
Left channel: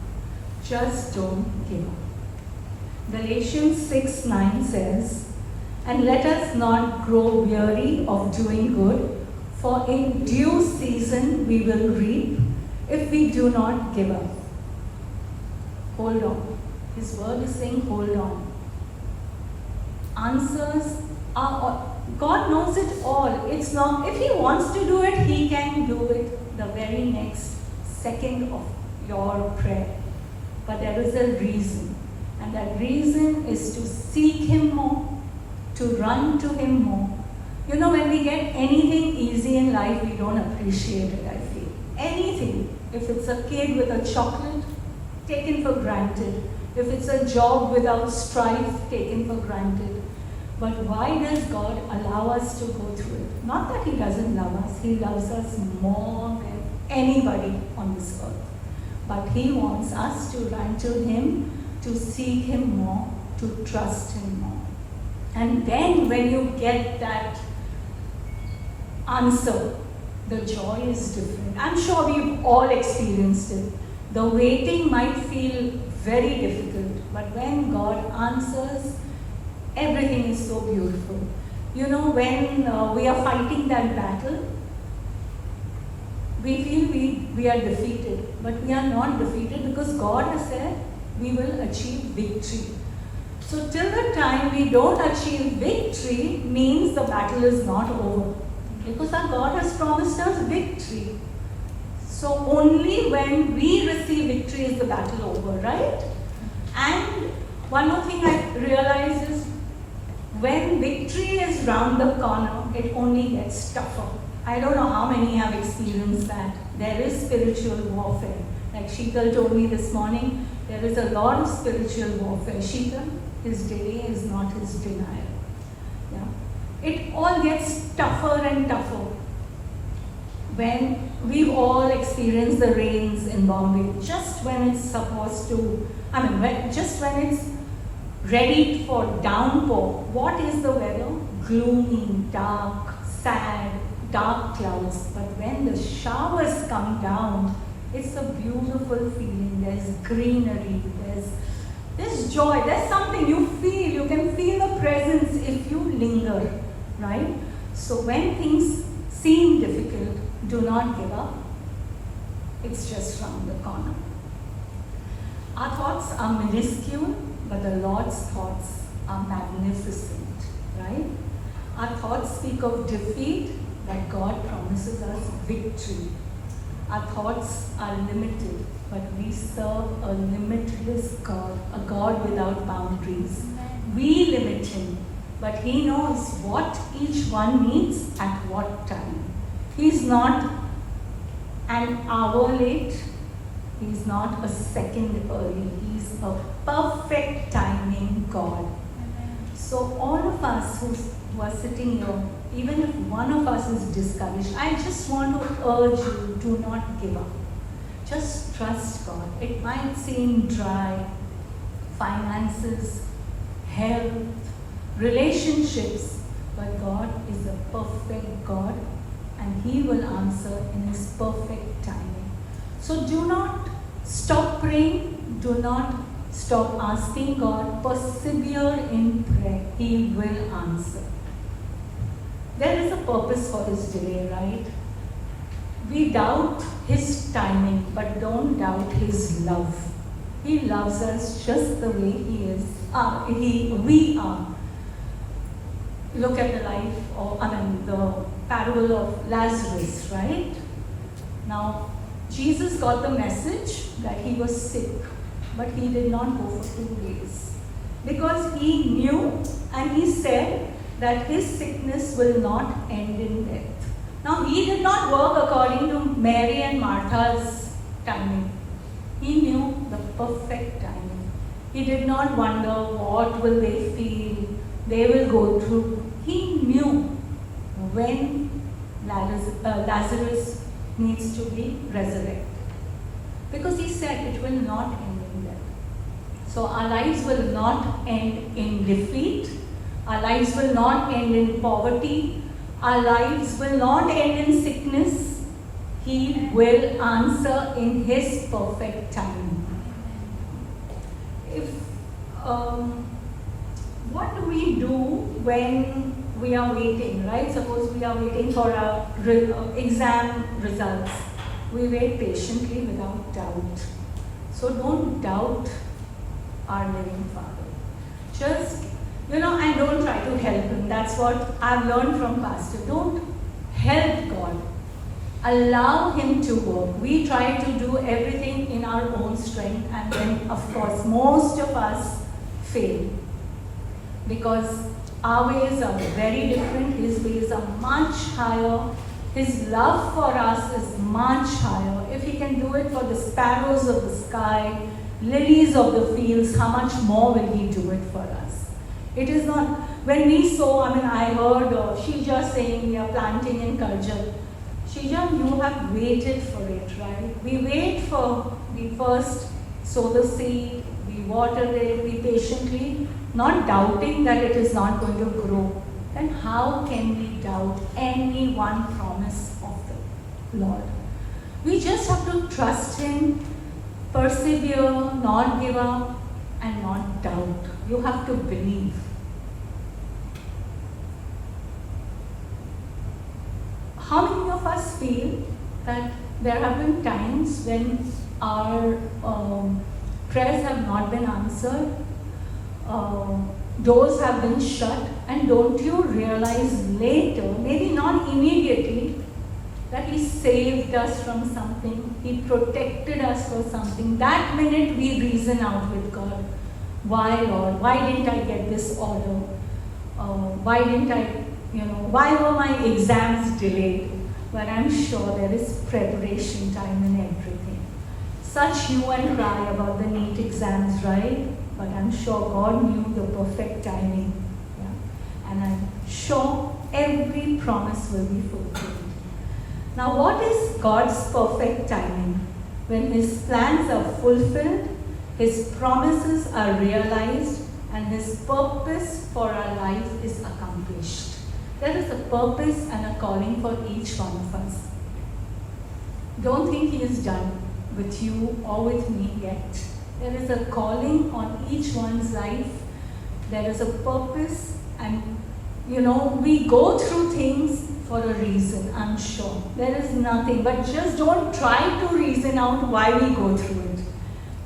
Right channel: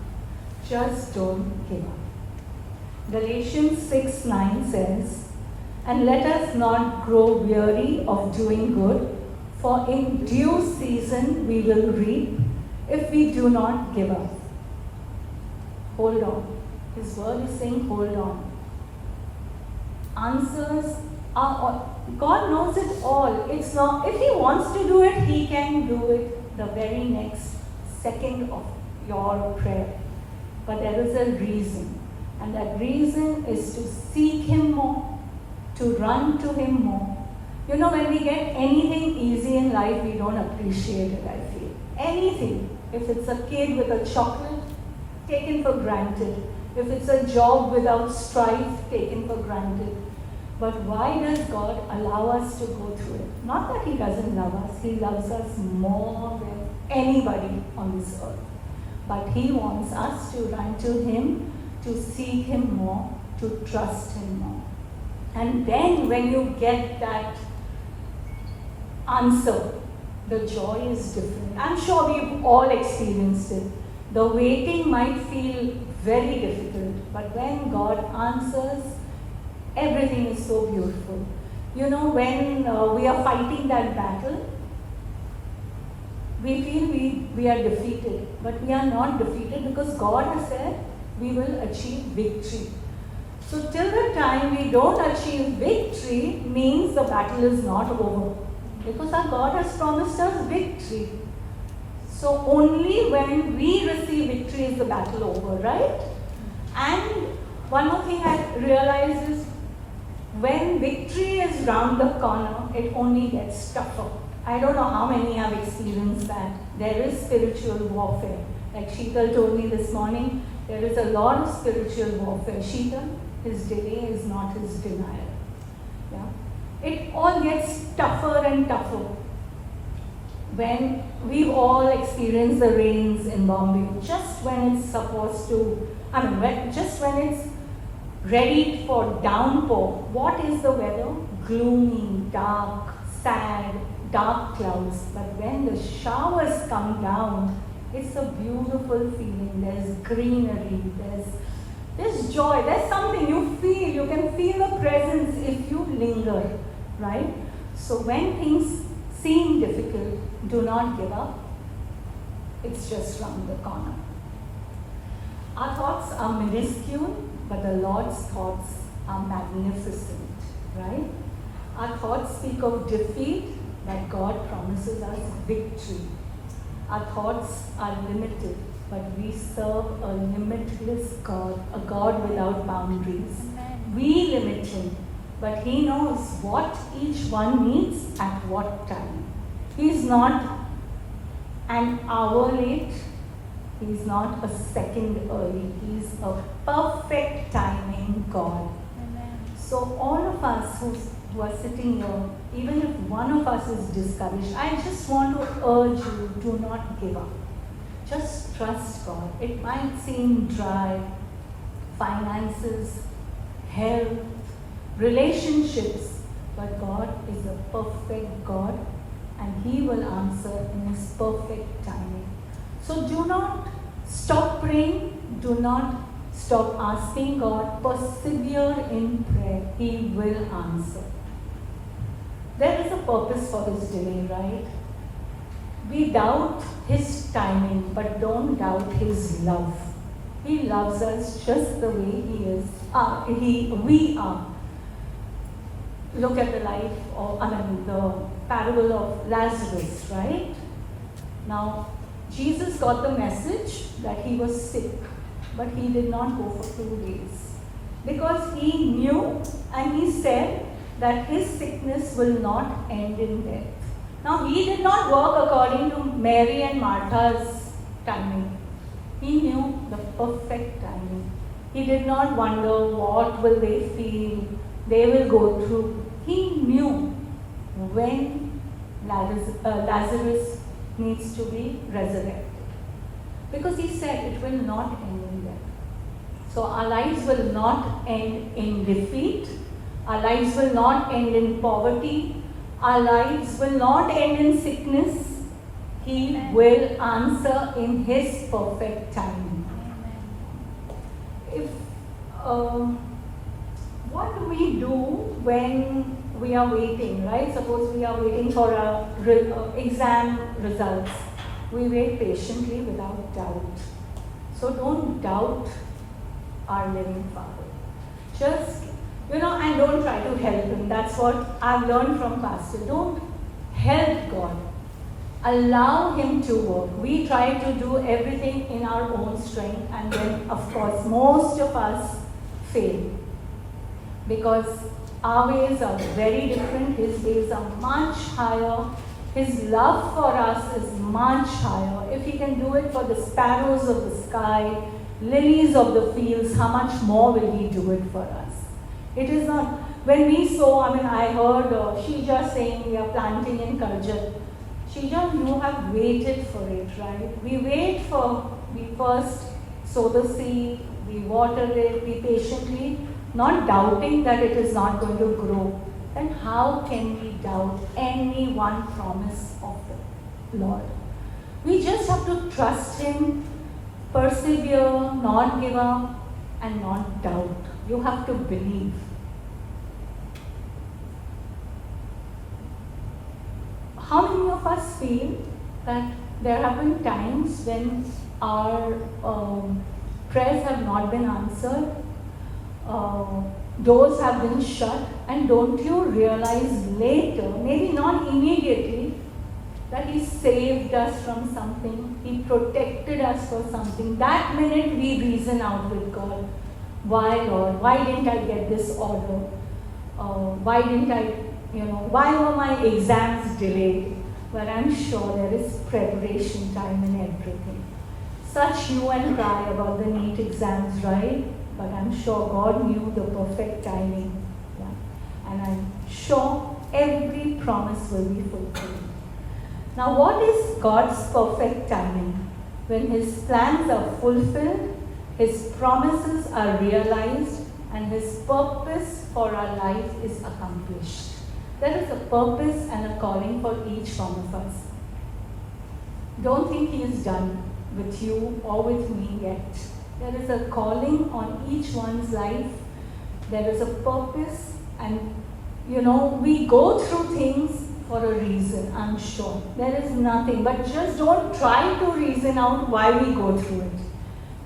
Just don't give up. Galatians 6:9 says, "And let us not grow weary of doing good, for in due season we will reap if we do not give up." Hold on. His word is saying, hold on. Answers are, God knows it all. It's not, if He wants to do it, He can do it the very next second of your prayer. But there is a reason. And that reason is to seek Him more, to run to Him more. You know, when we get anything easy in life, we don't appreciate it, I feel. Anything. If it's a kid with a chocolate, taken for granted. If it's a job without strife, taken for granted. But why does God allow us to go through it? Not that He doesn't love us. He loves us more than anybody on this earth. But He wants us to run to Him, to seek Him more, to trust Him more. And then when you get that answer, the joy is different. I'm sure we've all experienced it. The waiting might feel very difficult, but when God answers, everything is so beautiful. You know, when we are fighting that battle, we feel we are defeated, but we are not defeated because God has said we will achieve victory. So till the time we don't achieve victory means the battle is not over, because our God has promised us victory. So only when we receive victory is the battle over, right? And one more thing I realize is when victory is round the corner, it only gets tougher. I don't know how many have experienced that. There is spiritual warfare. Like Sheetal told me this morning, there is a lot of spiritual warfare. Sheetal, his delay is not his denial. Yeah. It all gets tougher and tougher. When we've all experienced the rains in Bombay, just when it's supposed to, just when it's ready for downpour, what is the weather? Gloomy, dark, sad, dark clouds. But when the showers come down, it's a beautiful feeling. There's greenery, there's joy, there's something you feel. You can feel the presence if you linger, right? So when things seem difficult, do not give up. It's just round the corner. Our thoughts are minuscule, but the Lord's thoughts are magnificent, right? Our thoughts speak of defeat, but God promises us victory. Our thoughts are limited, but we serve a limitless God, a God without boundaries. We limit Him, but He knows what each one needs at what time. He's not an hour late. He's not a second early. He's a perfect timing God. So all of us who are sitting here, even if one of us is discouraged, I just want to urge you, do not give up. Just trust God. It might seem dry, finances, health, relationships, but God is a perfect God, and He will answer in His perfect timing. So do not stop praying, do not stop asking God, persevere in prayer. He will answer. There is a purpose for His delay, right? We doubt His timing, but don't doubt His love. He loves us just the way He is. We are. Look at the life of, the parable of Lazarus, right? Now, Jesus got the message that he was sick, but He did not go for 2 days. Because He knew and He said that His sickness will not end in death. Now, He did not work according to Mary and Martha's timing. He knew the perfect time. He did not wonder what will they feel, they will go through. He knew when Lazarus needs to be resurrected. Because he said it will not end in death. So our lives will not end in defeat. Our lives will not end in poverty. Our lives will not end in sickness. He will answer in His perfect time. If what do we do when we are waiting, right? Suppose we are waiting for our exam results. We wait patiently without doubt. So don't doubt our living Father. Just, and don't try to help Him. That's what I've learned from Pastor. Don't help God. Allow Him to work. We try to do everything in our own strength, and then, of course, most of us fail. Because our ways are very different. His ways are much higher. His love for us is much higher. If He can do it for the sparrows of the sky, lilies of the fields, how much more will He do it for us? It is not, when we sow, I heard Sheja saying we are planting in Karjat. Sheja, you have waited for it, right? We first sow the seed, we water it, we patiently, not doubting that it is not going to grow. Then how can we doubt any one promise of the Lord? We just have to trust Him, persevere, not give up, and not doubt. You have to believe. How many of us feel that there have been times when our prayers have not been answered, doors have been shut, and don't you realize later, maybe not immediately, that He saved us from something, He protected us for something. That minute we reason out with God. Why, Lord? Why didn't I get this order? Why didn't I, why were my exams delayed? But I'm sure there is preparation time in everything. Such you and cry about the NEET exams, right? But I'm sure God knew the perfect timing. Yeah. And I'm sure every promise will be fulfilled. Now, what is God's perfect timing? When His plans are fulfilled, His promises are realized, and His purpose for our life is accomplished. There is a purpose and a calling for each one of us. Don't think He is done with you or with me yet. There is a calling on each one's life. There is a purpose, and we go through things for a reason, I'm sure. There is nothing, but just don't try to reason out why we go through it.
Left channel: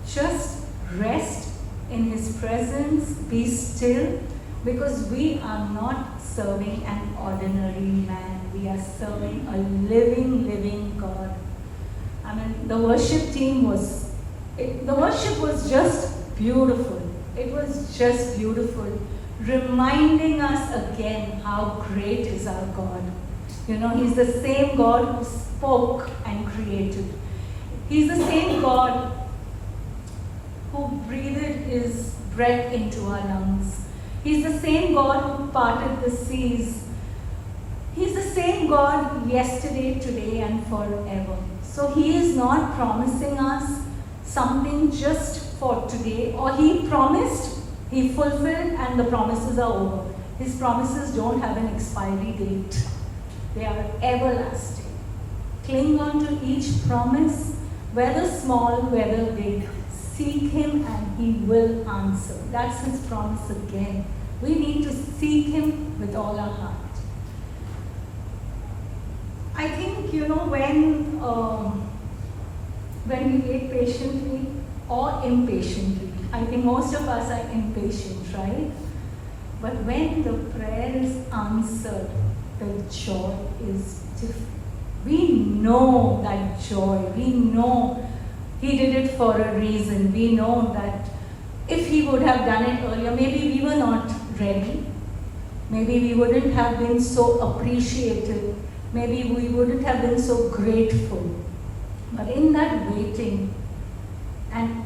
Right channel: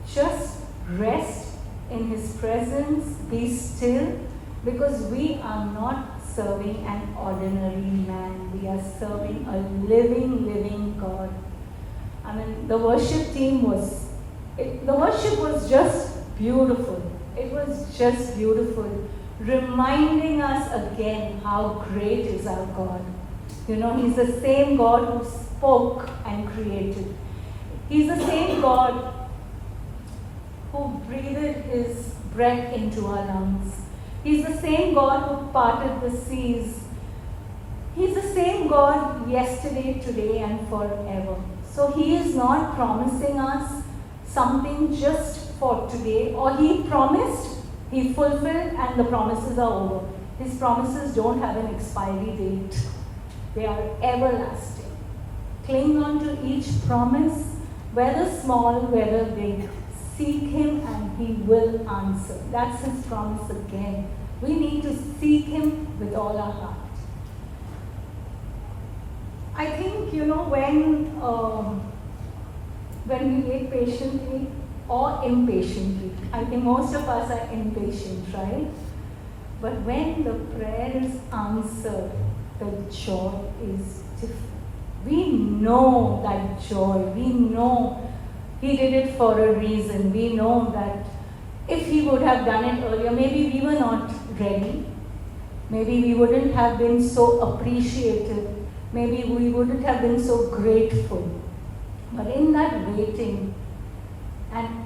Just rest in His presence, be still, because we are not serving an ordinary man. We are serving a living God. The worship team the worship was just beautiful. It was just beautiful, reminding us again how great is our God. He's the same God who spoke and created. He's the same God who breathed His breath into our lungs. He's the same God who parted the seas. He's the same God yesterday, today, and forever. So He is not promising us something just for today, or He promised, He fulfilled, and the promises are over. His promises don't have an expiry date. They are everlasting. Cling on to each promise, whether small, whether big. Seek Him and He will answer. That's His promise again. We need to seek Him with all our heart. I think, when we wait patiently or impatiently, I think most of us are impatient, right? But when the prayer is answered, the joy is different. We know that joy. We know He did it for a reason. We know that if He would have done it earlier, maybe we were not ready. Maybe we wouldn't have been so appreciative. Maybe we wouldn't have been so grateful. But in that waiting, and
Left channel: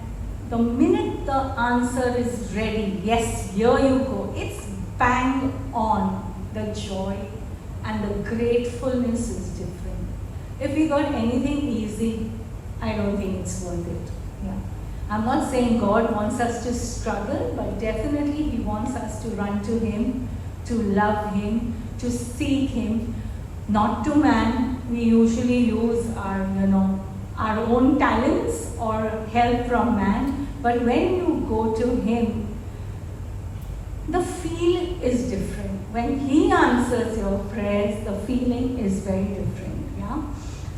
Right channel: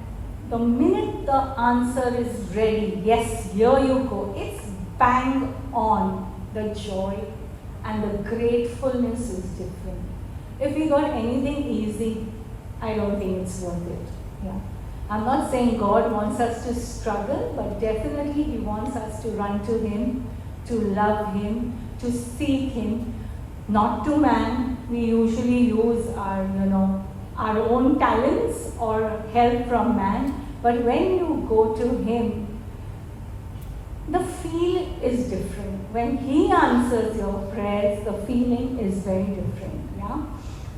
the minute when the answer is ready, yes, here you go, it's bang on. The joy and the gratefulness is different. If we got anything easy, I don't think it's worth it. Yeah. I'm not saying God wants us to struggle, but definitely He wants us to run to Him, to love Him, to seek Him, not to man. We usually use our own talents or help from man. But when you go to Him, the feel is different. When He answers your prayers, the feeling is very different. Yeah.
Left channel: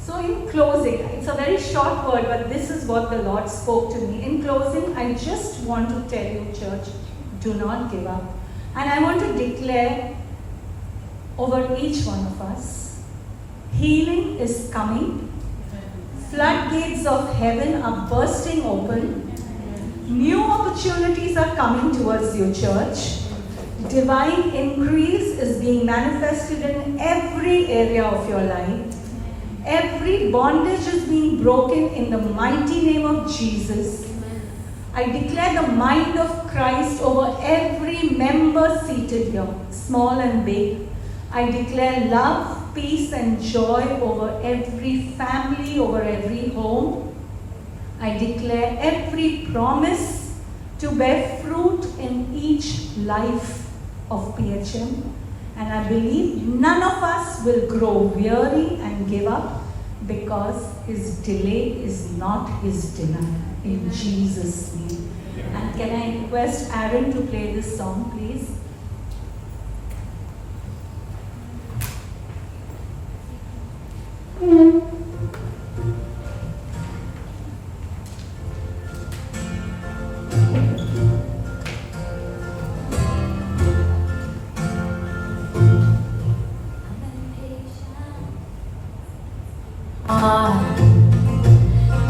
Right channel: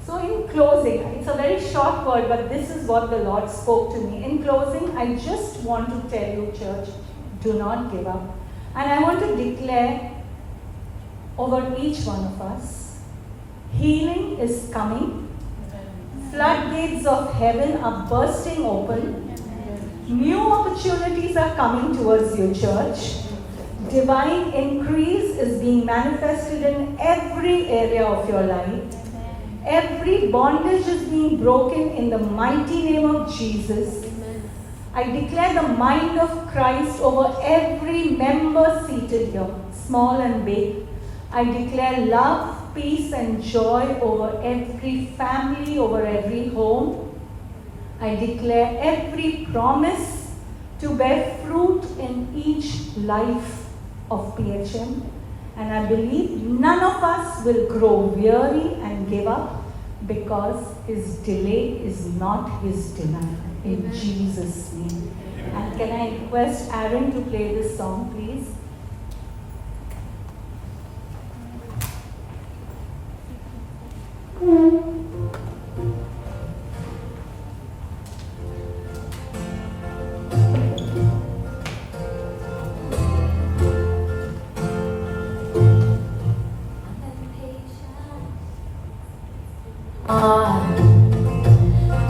So in closing, it's a very short word, but this is what the Lord spoke to me. In closing, I just want to tell you, church, do not give up. And I want to declare over each one of us, healing is coming. Floodgates of heaven are bursting open. New opportunities are coming towards you, church. Divine increase is being manifested in every area of your life. Every bondage is being broken in the mighty name of Jesus. I declare the mind of Christ over every member seated here, small and big. I declare love, peace, and joy over every family, over every home. I declare every promise to bear fruit in each life of PHM. And I believe none of us will grow weary and give up, because His delay is not His denial. In Jesus' name. And can I request Aaron to play this song, please?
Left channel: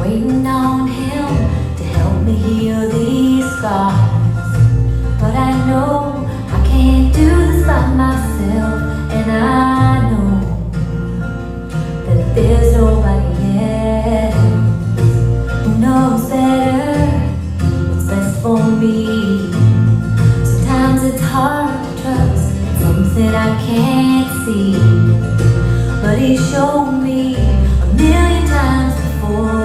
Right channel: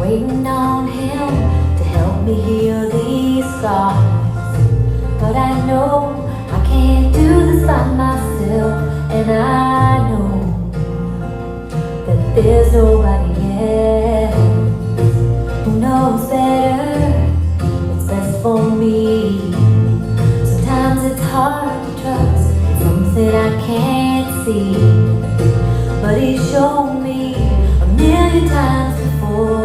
Waiting on Him to help me heal these scars, but I know I can't do this by myself, and I know that there's nobody else who knows better what's best for me. Sometimes it's hard to trust things that I can't see, but He showed me a million times before.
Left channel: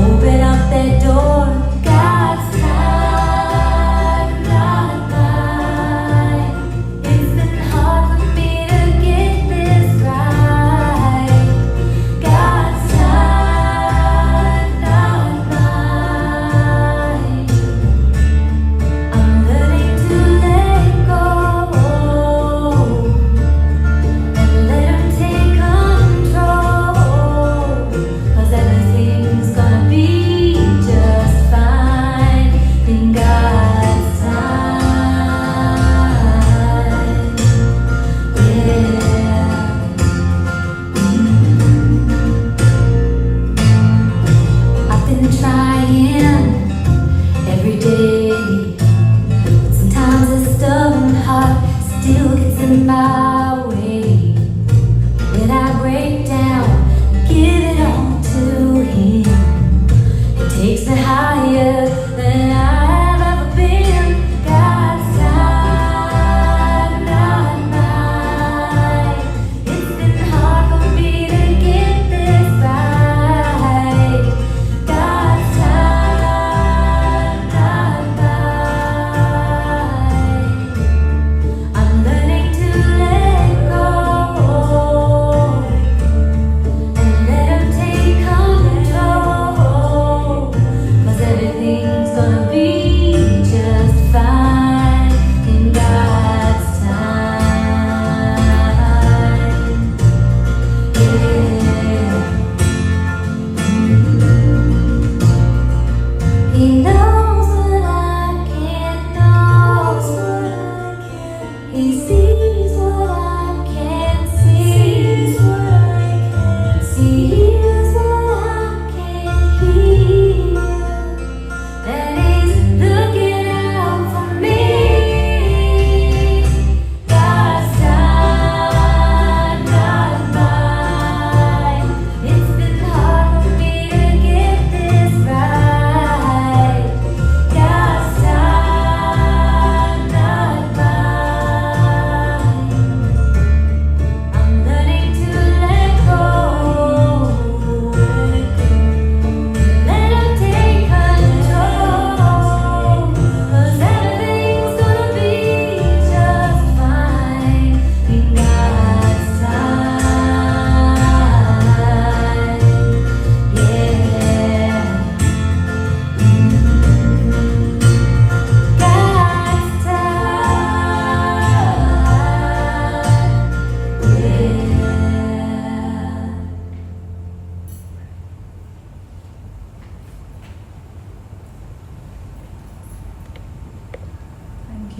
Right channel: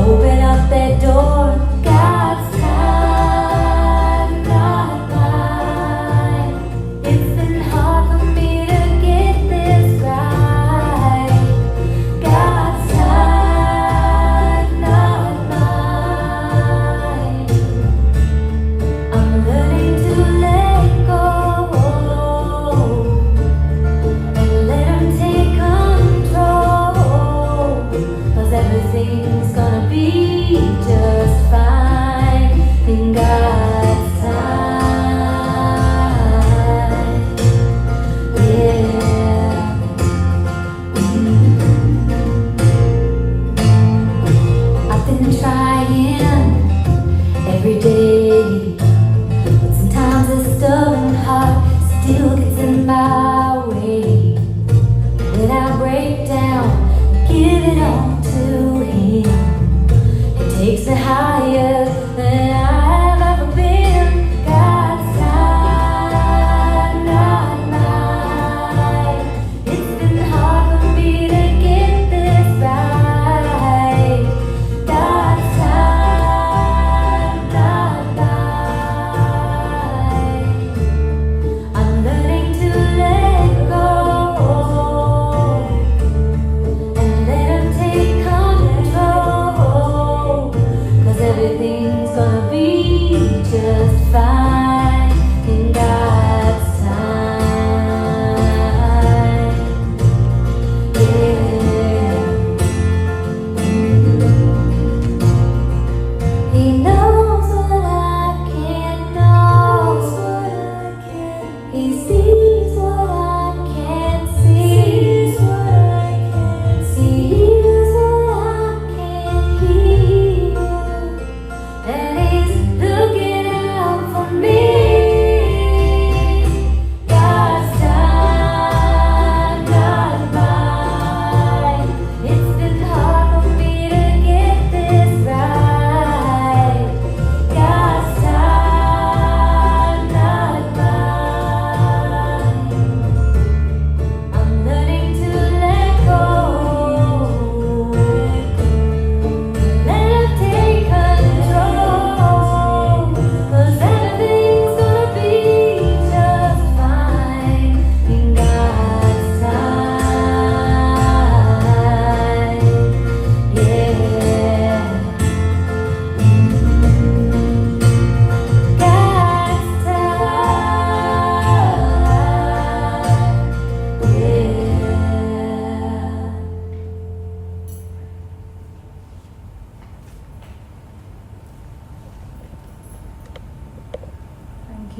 Open up that door, God's time, not mine. It's been hard for me to get this right. God's time, not mine. I'm learning to let go.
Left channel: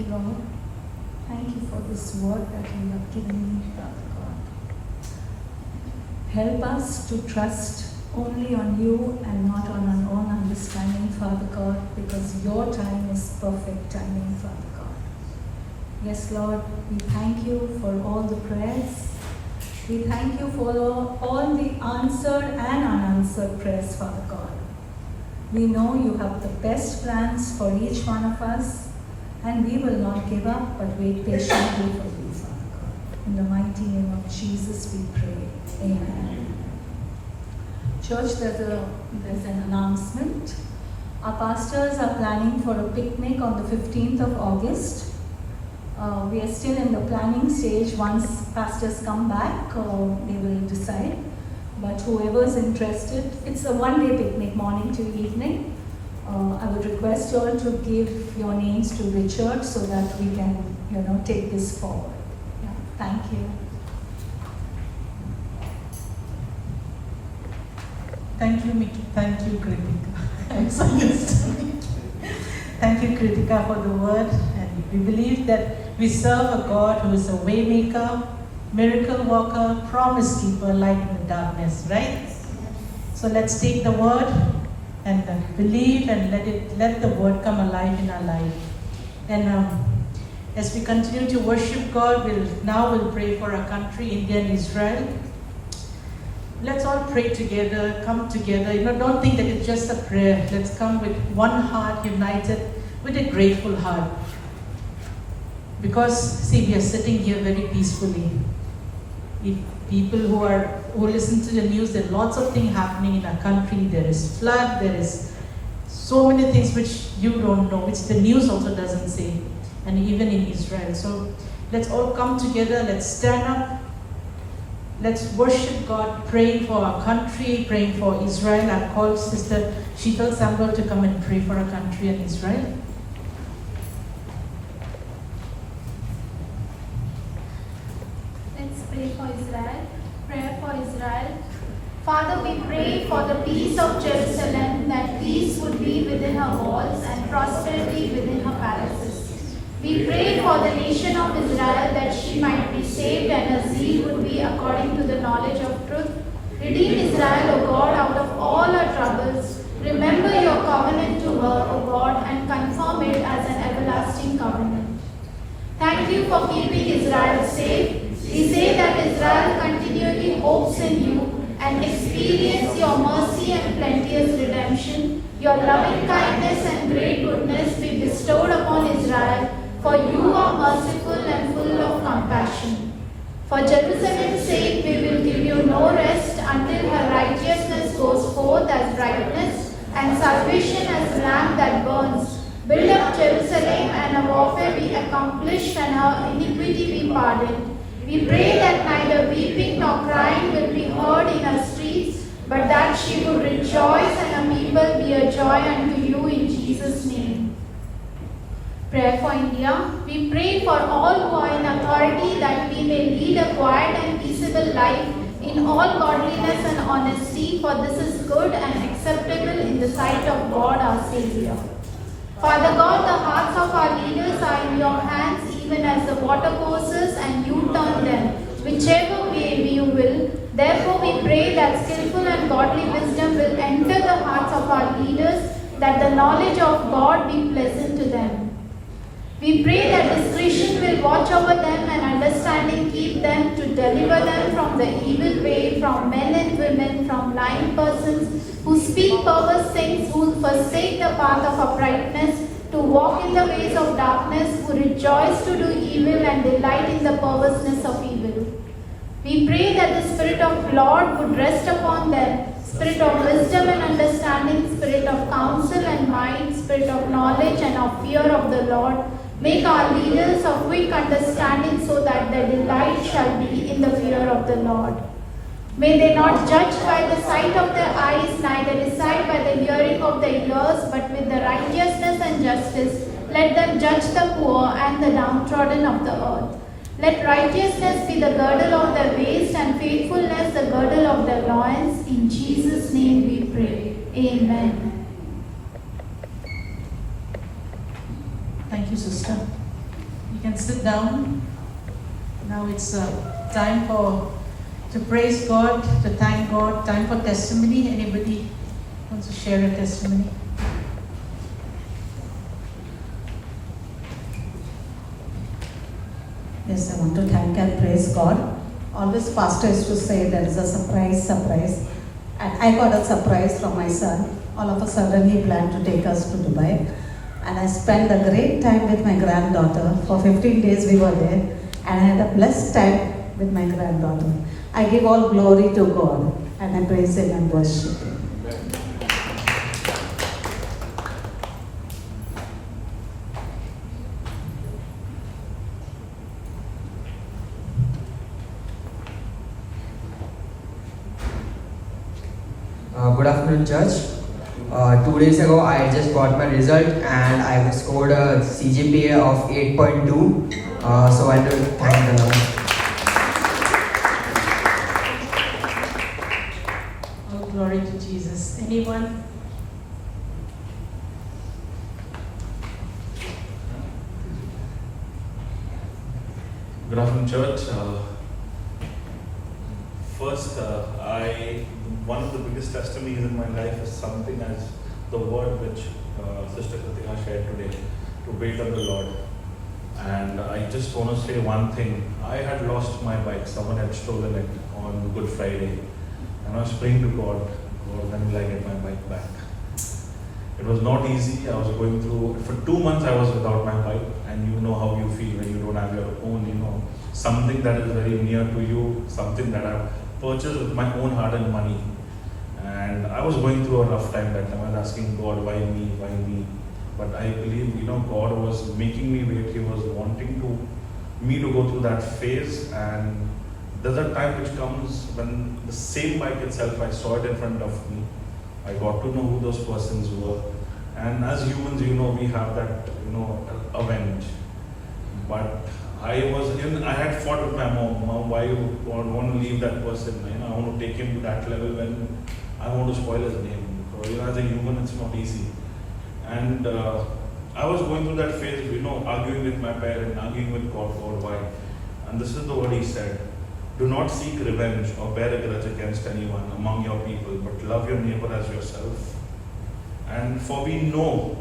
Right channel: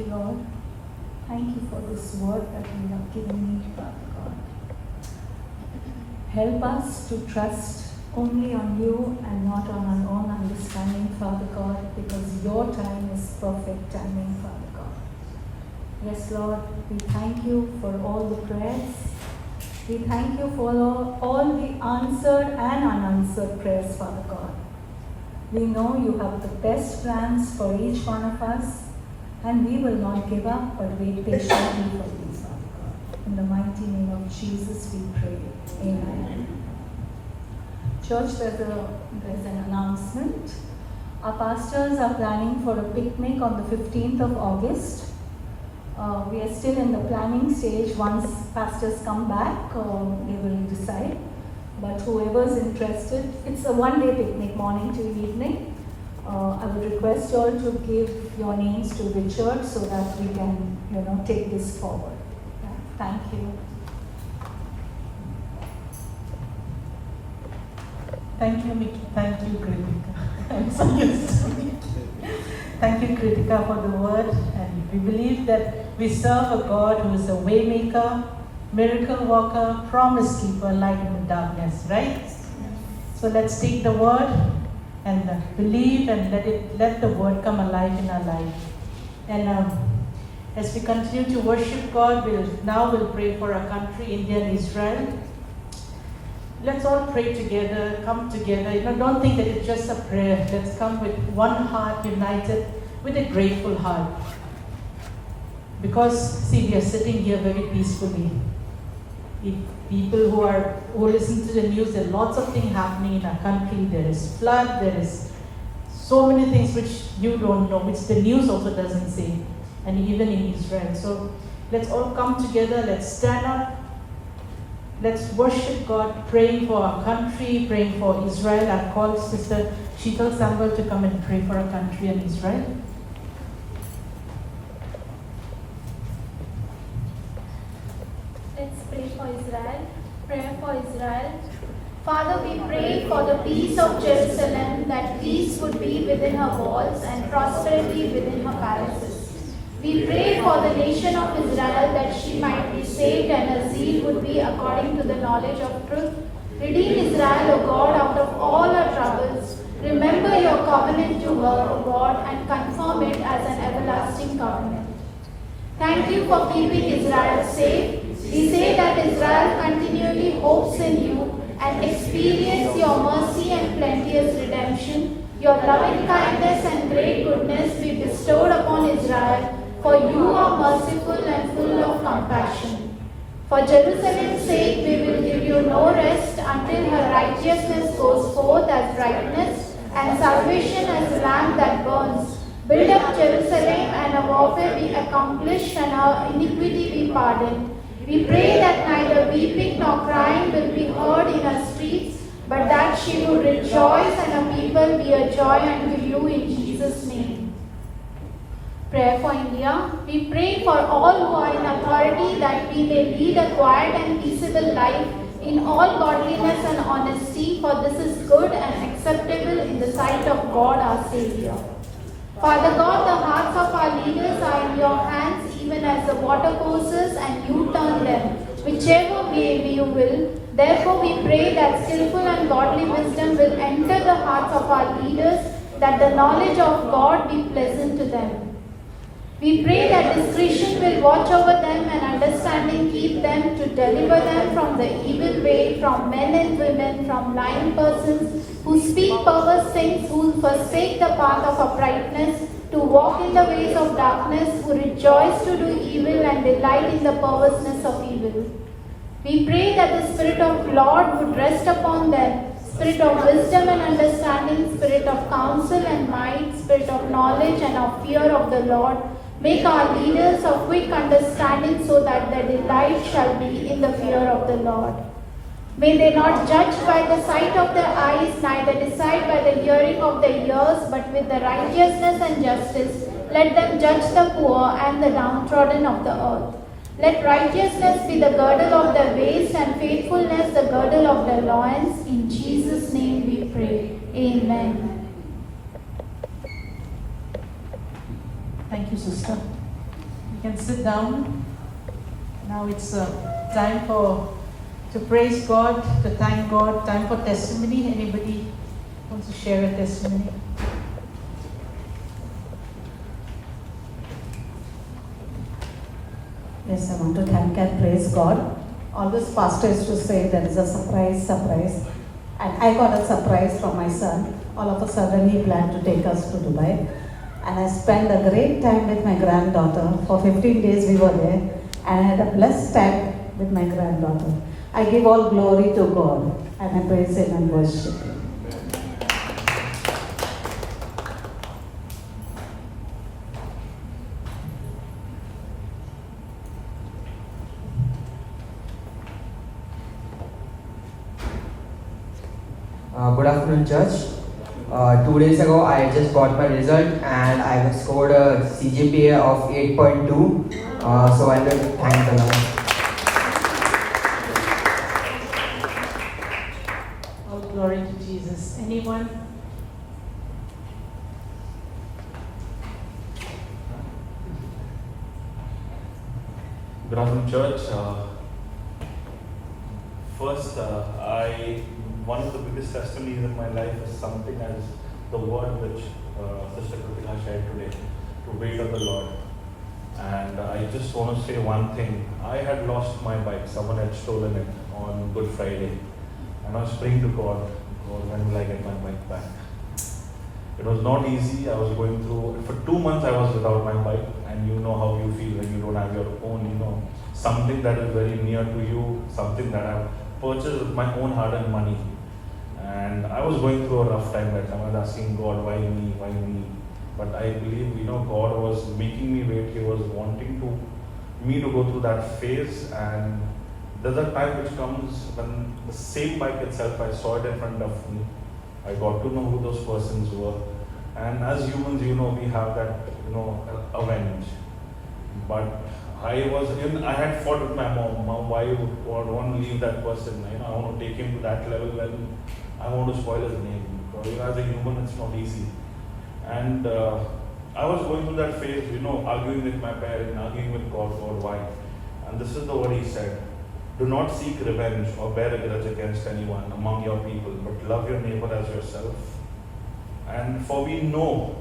you, Lord. Thank you for this word that you have given me, Father God. Help us to trust only on you and not on our own understanding, Father God, because your time is perfect timing, Father God. Yes, Lord, we thank you for all the prayers. We thank you for all the answered and unanswered prayers, Father God. We know you have the best plans for each one of us, and we will not give up but wait patiently for you, Father God. In the mighty name of Jesus we pray. Amen. Church, there's an announcement. Our pastors are planning for a picnic on the 15th of August. We are still in the planning stage. Once pastors come back, we will decide. But whoever's interested, it's a one-day picnic, morning to evening. I would request you all to give your names to Richard so that we can, take this forward. Yeah, thank you. Thank you, Kritika. I'm so used to it. Thank you, Kritika, for the word. And we believe that we serve a God who is a way maker, miracle worker, promise keeper, light in darkness, right? So let's take the word and believe and let the word come alive in our life. And as we continue to worship God, we'll pray for our country, India and Israel. Let's all pray together, come together. Don't think that it's just a prayer. Let's come with one heart, united, with a grateful heart. Because, see, we are sitting here very peacefully. If people who listen to the news, there are lots of things happening in our country. There is flood, there is so many things which you don't know, which the news also doesn't say, and even in Israel. So let's all come together, let's stand up, let's worship God, praying for our country, praying for Israel. I've called Sister Sheetal Sambal to come and pray for our country and Israel. Let's pray for Israel. Prayer for Israel. Father, we pray for the peace of Jerusalem, that peace would be within her walls and prosperity within her palaces. We pray for the nation of Israel, that she might be saved and her zeal would be according to the knowledge of truth. Redeem Israel, O God, out of all her troubles. Remember your covenant to her, O God, and confirm it as an everlasting covenant. Thank you for keeping Israel safe. We say that Israel continually hopes in you and experience your mercy and plenteous redemption. Your loving kindness and great goodness be bestowed upon Israel, for you are merciful and full of compassion. For Jerusalem's sake, we will give you no rest until her righteousness goes forth as brightness and salvation as lamp that burns. Build up Jerusalem, and her warfare be accomplished and her iniquity be pardoned. We pray that neither weeping nor crying will be heard in her streets, but that she will rejoice and her people be a joy unto you in Jesus' name. Prayer for India. We pray for all who are in authority, that we may lead a quiet and peaceable life in all godliness and honesty, for this is good and acceptable in the sight of God our Savior. Father God, the hearts of our leaders are in your hands, even as the water courses, and you turn them, whichever way you will. Therefore we pray that skillful and godly wisdom will enter the hearts of our leaders, that the knowledge of God be pleasant to them. We pray that discretion will watch over them and understanding keep them, to deliver them from the evil way, from men and women, from lying persons who speak perverse things, who forsake the path of uprightness, to walk in the ways of darkness, who rejoice to do evil and delight in the perverseness of evil. We pray that the Spirit of Lord would rest upon them, Spirit of wisdom and understanding, Spirit of counsel and might, Spirit of knowledge and of fear of the Lord. Make our leaders of quick understanding, so that their delight shall be in the fear of the Lord. May they not judge by the sight of their eyes, neither decide by the hearing of their ears, but with the righteousness and justice let them judge the poor and the downtrodden of the earth. Let righteousness be the girdle of their waist, and faithfulness the girdle of their loins. In Jesus' name we pray. Amen. Thank you, sister. can sit down. Now it's time to praise God, to thank God, time for testimony. Anybody wants to share a testimony? Yes, I want to thank and praise God. Always pastor used to say there is a surprise. And I got a surprise from my son. All of a sudden he planned to take us to Dubai. And I spent a great time with my granddaughter. For 15 days we were there. And I had a blessed time with my granddaughter. I give all glory to God. And I praise Him and worship Him. Good afternoon, church. 2 days ago, I just got my result and I scored a CGPA of 8.2. So I will thank the Lord. All glory to Jesus. Anyone? Good afternoon, church. First, one of the biggest testimonies in my life is something as the word which Sister Kritika shared today, to wait on the Lord. And I just want to say one thing. I had lost my bike. Someone had stolen it on Good Friday. And I was praying to God, Lord, when will I get my bike back? It was not easy. I was going through, for 2 months I was without my bike. And you know how you feel when you don't have your own, something that is very near to you, something that I've purchased with my own hard-earned money. And I was going through a rough time that time. I was asking God, why me, why me? But I believe, God was making me wait. He was wanting me to go through that phase. And there's a time which comes when the same bike itself, I saw it in front of me. I got to know who those persons were. And as humans, we have that, avenge. But I had fought with my mom. Mom, why you want to leave that person? I want to take him to that level when I want to spoil his name. Because as a human, it's not easy. And I was going through that phase, arguing with my parents, arguing with God, why? And this is the word He said. Do not seek revenge or bear a grudge against anyone among your people, but love your neighbor as yourself. And for we know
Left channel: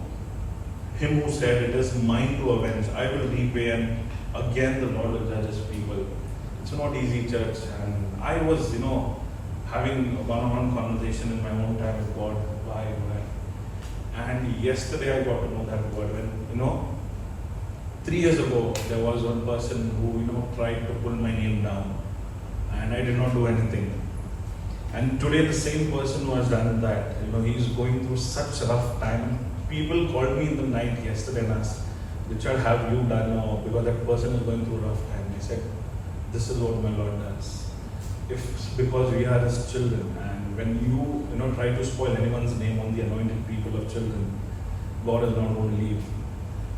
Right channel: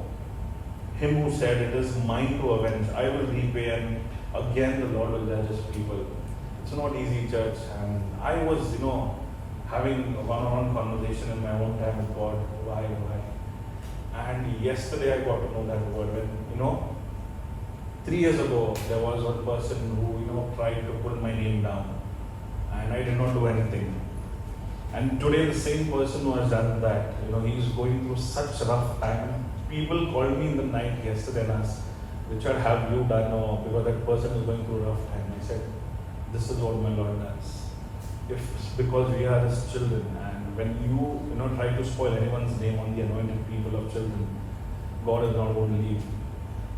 Him who said, it is mine to avenge, I will repay, and again the Lord will judge His people. It's not easy, church. And I was, having a one-on-one conversation in my own time with God. Why? And yesterday I got to know that word when, 3 years ago, there was one person who, tried to pull my name down. And I did not do anything. And today the same person who has done that, he's going through such rough time. People called me in the night yesterday and asked, Richard, have you done? No, because that person is going through a rough time. I said, this is what my Lord does. Because we are His children, and when you try to spoil anyone's name on the anointed people of children, God is not going to leave.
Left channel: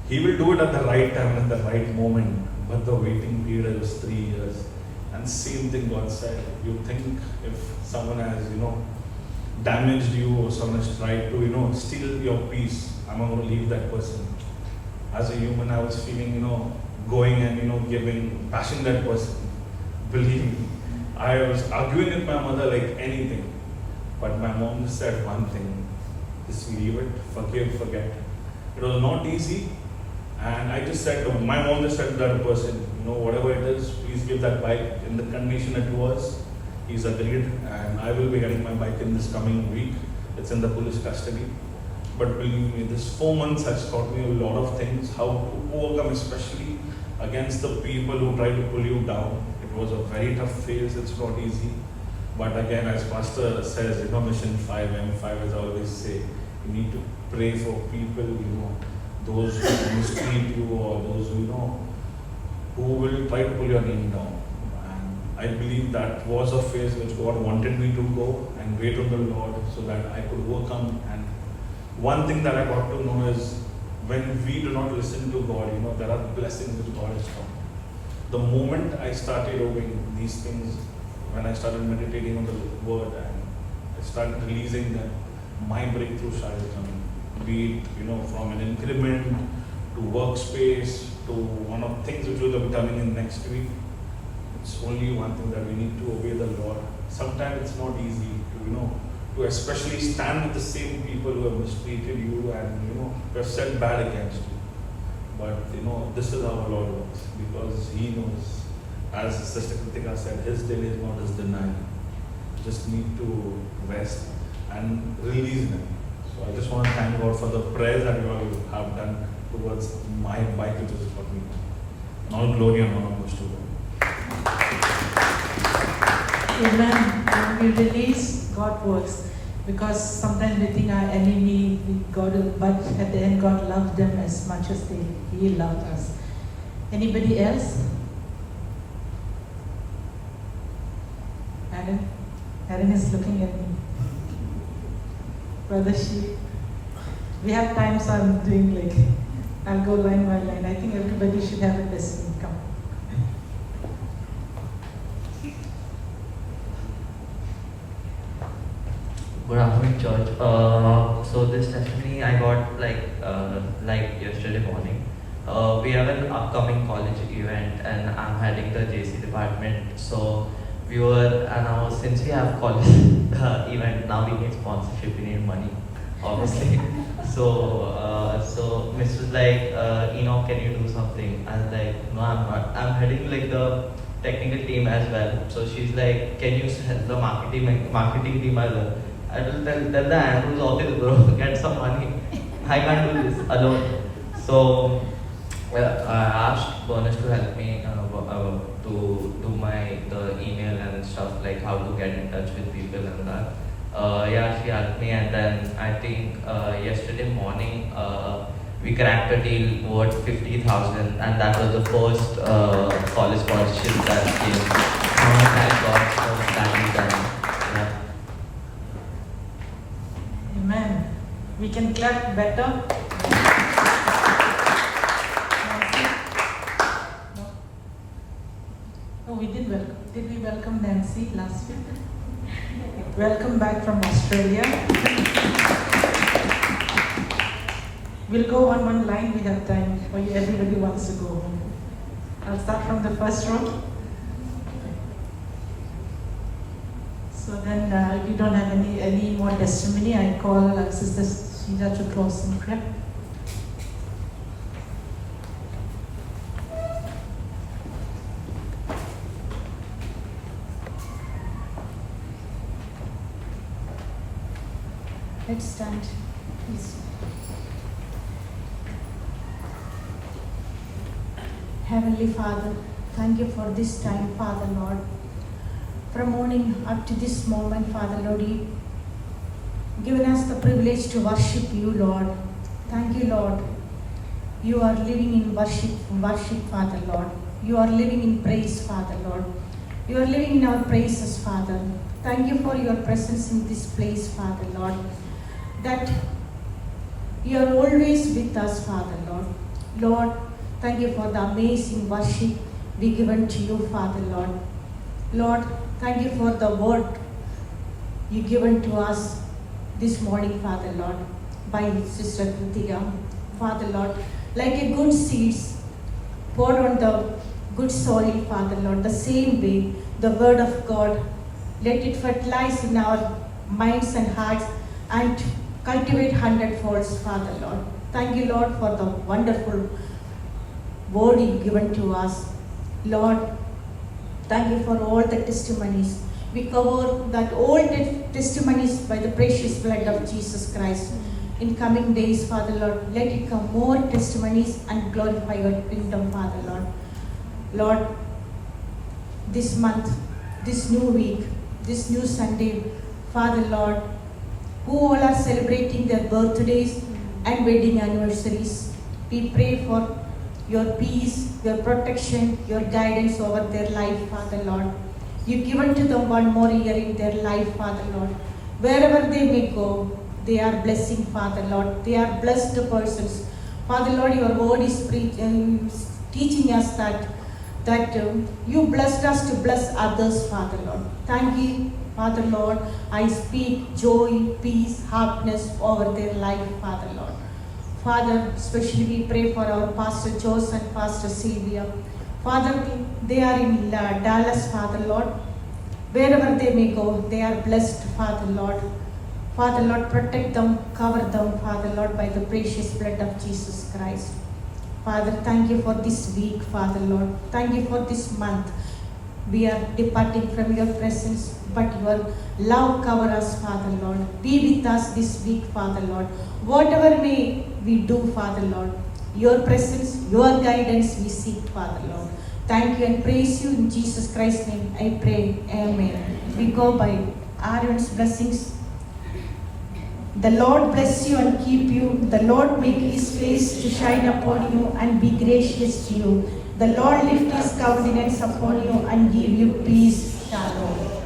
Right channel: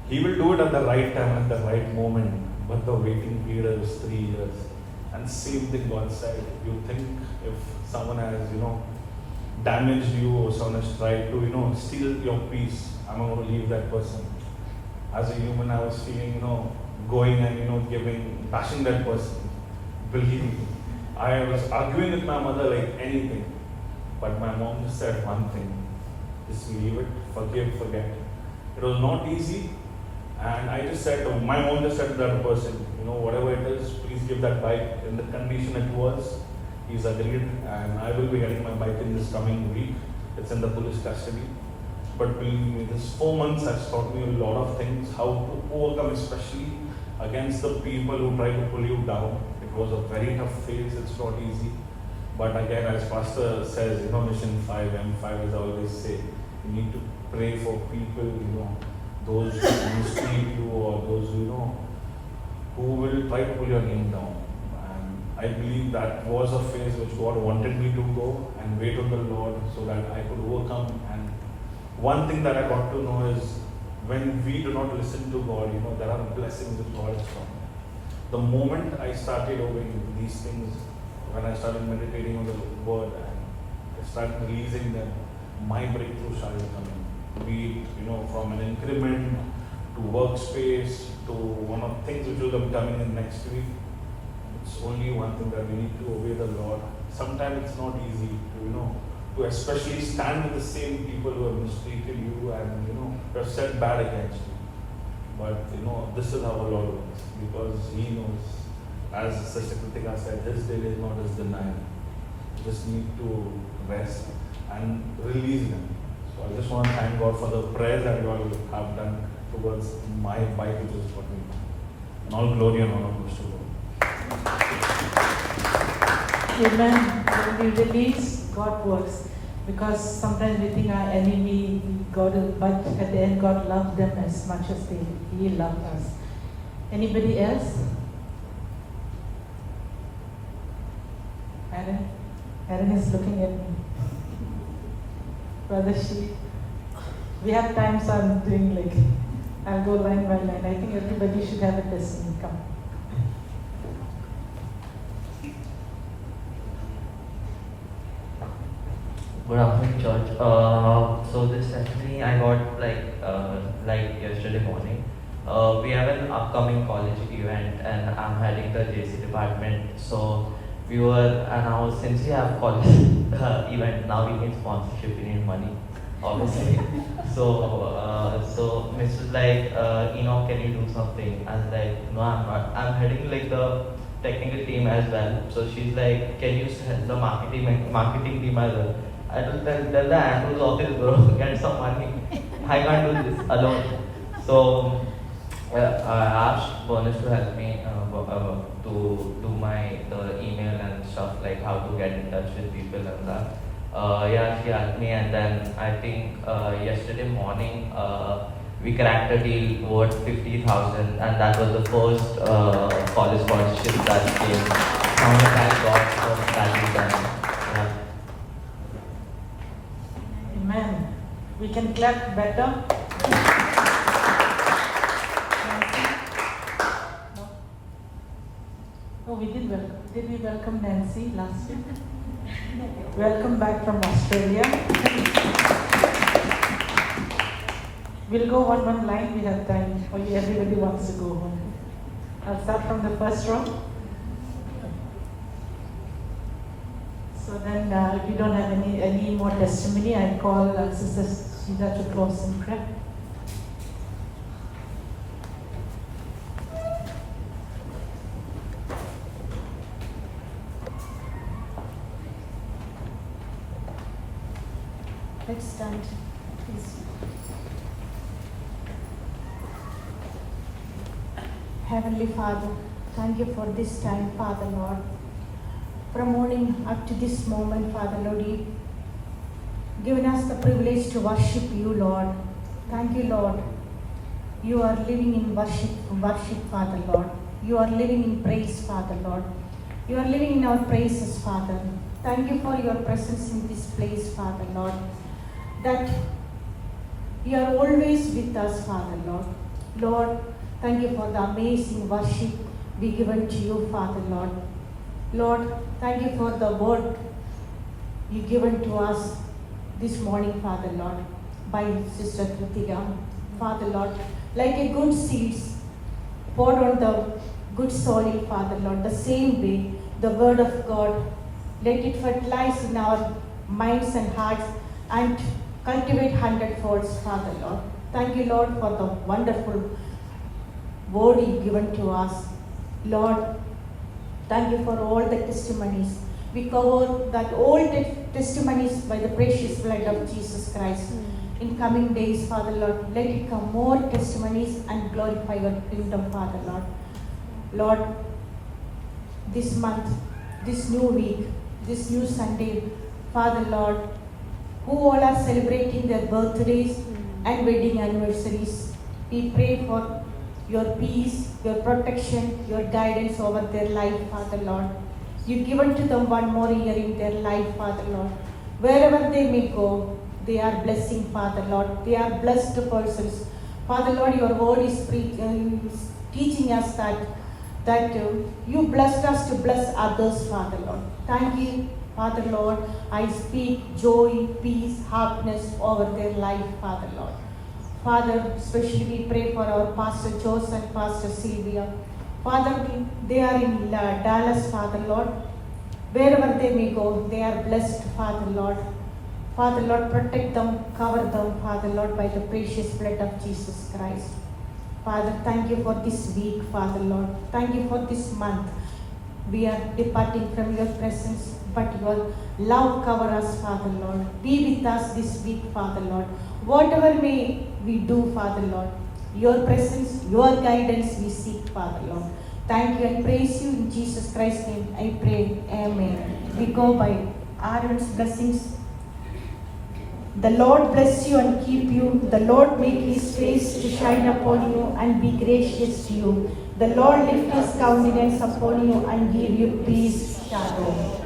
He will do it at the right time, at the right moment, but the waiting period is 3 years. And same thing God said. You think if someone has, damaged you or someone has tried to, steal your peace, I'm not going to leave that person. As a human, I was feeling, going and, giving, bashing that person. Believe me. I was arguing with my mother like anything. But my mom just said one thing. Just leave it, forgive, forget. It was not easy. And I just said, my mom just said to that person, whatever it is, please give that bike in the condition it was. He's agreed, and I will be getting my bike in this coming week. It's in the police custody. But believe me, this 4 months has taught me a lot of things, how to overcome, especially against the people who try to pull you down. It was a very tough phase, it's not easy. But again, as Pastor says, Mission 5, M5, as I always say, you need to pray for people, those who mistreat you or those who will try to pull your name down. And I believe that was a phase which God wanted me to go and wait on the Lord so that I could overcome. And one thing that I got to know is when we do not listen to God, there are blessings which God has done. The moment I started doing these things, when I started meditating on the word and I started releasing them, my breakthrough started coming. Be it, from an increment to workspace, So one of the things which will be coming in next week, it's only one thing that we need to obey the Lord. Sometimes it's not easy to especially stand with the same people who have mistreated you and who have said bad against you. But this is how our Lord works, because He knows, as Sister Kritika said, His day is not His denial. Just need to rest and release them. So I just want to thank God for the prayers that you all have done towards my bike, which is what we do. And all glory and honor goes to God. Amen. We release God works, because sometimes we think our enemy, God, but at the end God loved them as much as He loved us. Anybody else? Aaron is looking at me. Brother She, we have time, so I'm doing I'll go line by line. I think everybody should have a testimony. Come. Good afternoon, church. So this testimony I got like yesterday morning. We have an upcoming college event, and I'm heading the JC department. So we were now, since we have college event, now we need sponsorship. We need money, obviously. So Mrs. Enoch, can you do something? I was like, no, I'm not. I'm heading the technical team as well. So she's like, can you help the marketing team as well? I told them, then the admin's office, bro, get some money. I can't do this alone. So I asked Bernice to help me to do the email and stuff, like how to get in touch with people and that. Yeah, she helped me, and then I think yesterday morning we cracked a deal worth 50,000, and that was the first college sponsorship that came. Thank God for that. Amen. We can clap better. Oh, we did welcome. Did we welcome Nancy last week? Welcome back from Australia. We'll go one line. We have time. Or everybody wants to go home. I'll start from the first row. So then, if you don't have any more testimony, I call Sister Sheila to close in prayer. Let's stand, please. Heavenly Father, thank you for this time, Father Lord. From morning up to this moment, Father Lord, you've given us the privilege to worship you, Lord. Thank you, Lord. You are living in worship, Father Lord. You are living in praise, Father Lord. You are living in our praises, Father. Thank you for your presence in this place, Father Lord. That you are always with us, Father Lord. Lord, thank you for the amazing worship be given to you, Father Lord. Lord, thank you for the word you given to us this morning, Father Lord, by Sister Kritika. Father Lord, like a good seeds poured on the good soil, Father Lord, the same way the word of God, let it fertilize in our minds and hearts and cultivate hundredfolds, Father Lord. Thank you, Lord, for the wonderful word you given to us. Lord, thank you for all the testimonies. We cover that all the testimonies by the precious blood of Jesus Christ. In coming days, Father Lord, let it come more testimonies and glorify your kingdom, Father Lord. Lord, this month, this new week, this new Sunday, Father Lord, who all are celebrating their birthdays and wedding anniversaries, we pray for your peace, your protection, your guidance over their life, Father Lord. You've given to them one more year in their life, Father Lord. Wherever they may go, they are blessing, Father Lord. They are blessed persons. Father Lord, your word is teaching us that you blessed us to bless others, Father Lord. Thank you, Father Lord. I speak joy, peace, happiness over their life, Father Lord. Father, especially we pray for our Pastor Jose and Pastor Sylvia. Father, they are in Dallas, Father Lord. Wherever they may go, they are blessed, Father Lord. Father Lord, protect them, cover them, Father Lord, by the precious blood of Jesus Christ. Father, thank you for this week, Father Lord. Thank you for this month. We are departing from your presence, but your love cover us, Father Lord. Be with us this week, Father Lord. Whatever may we do, Father Lord, your presence, your guidance we seek, Father Lord. Thank you and praise you in Jesus Christ's name. I pray. Amen. We go by Aaron's blessings. The Lord bless you and keep you. The Lord make his face to shine upon you and be gracious to you. The Lord lift his countenance upon you and give you peace. Shalom.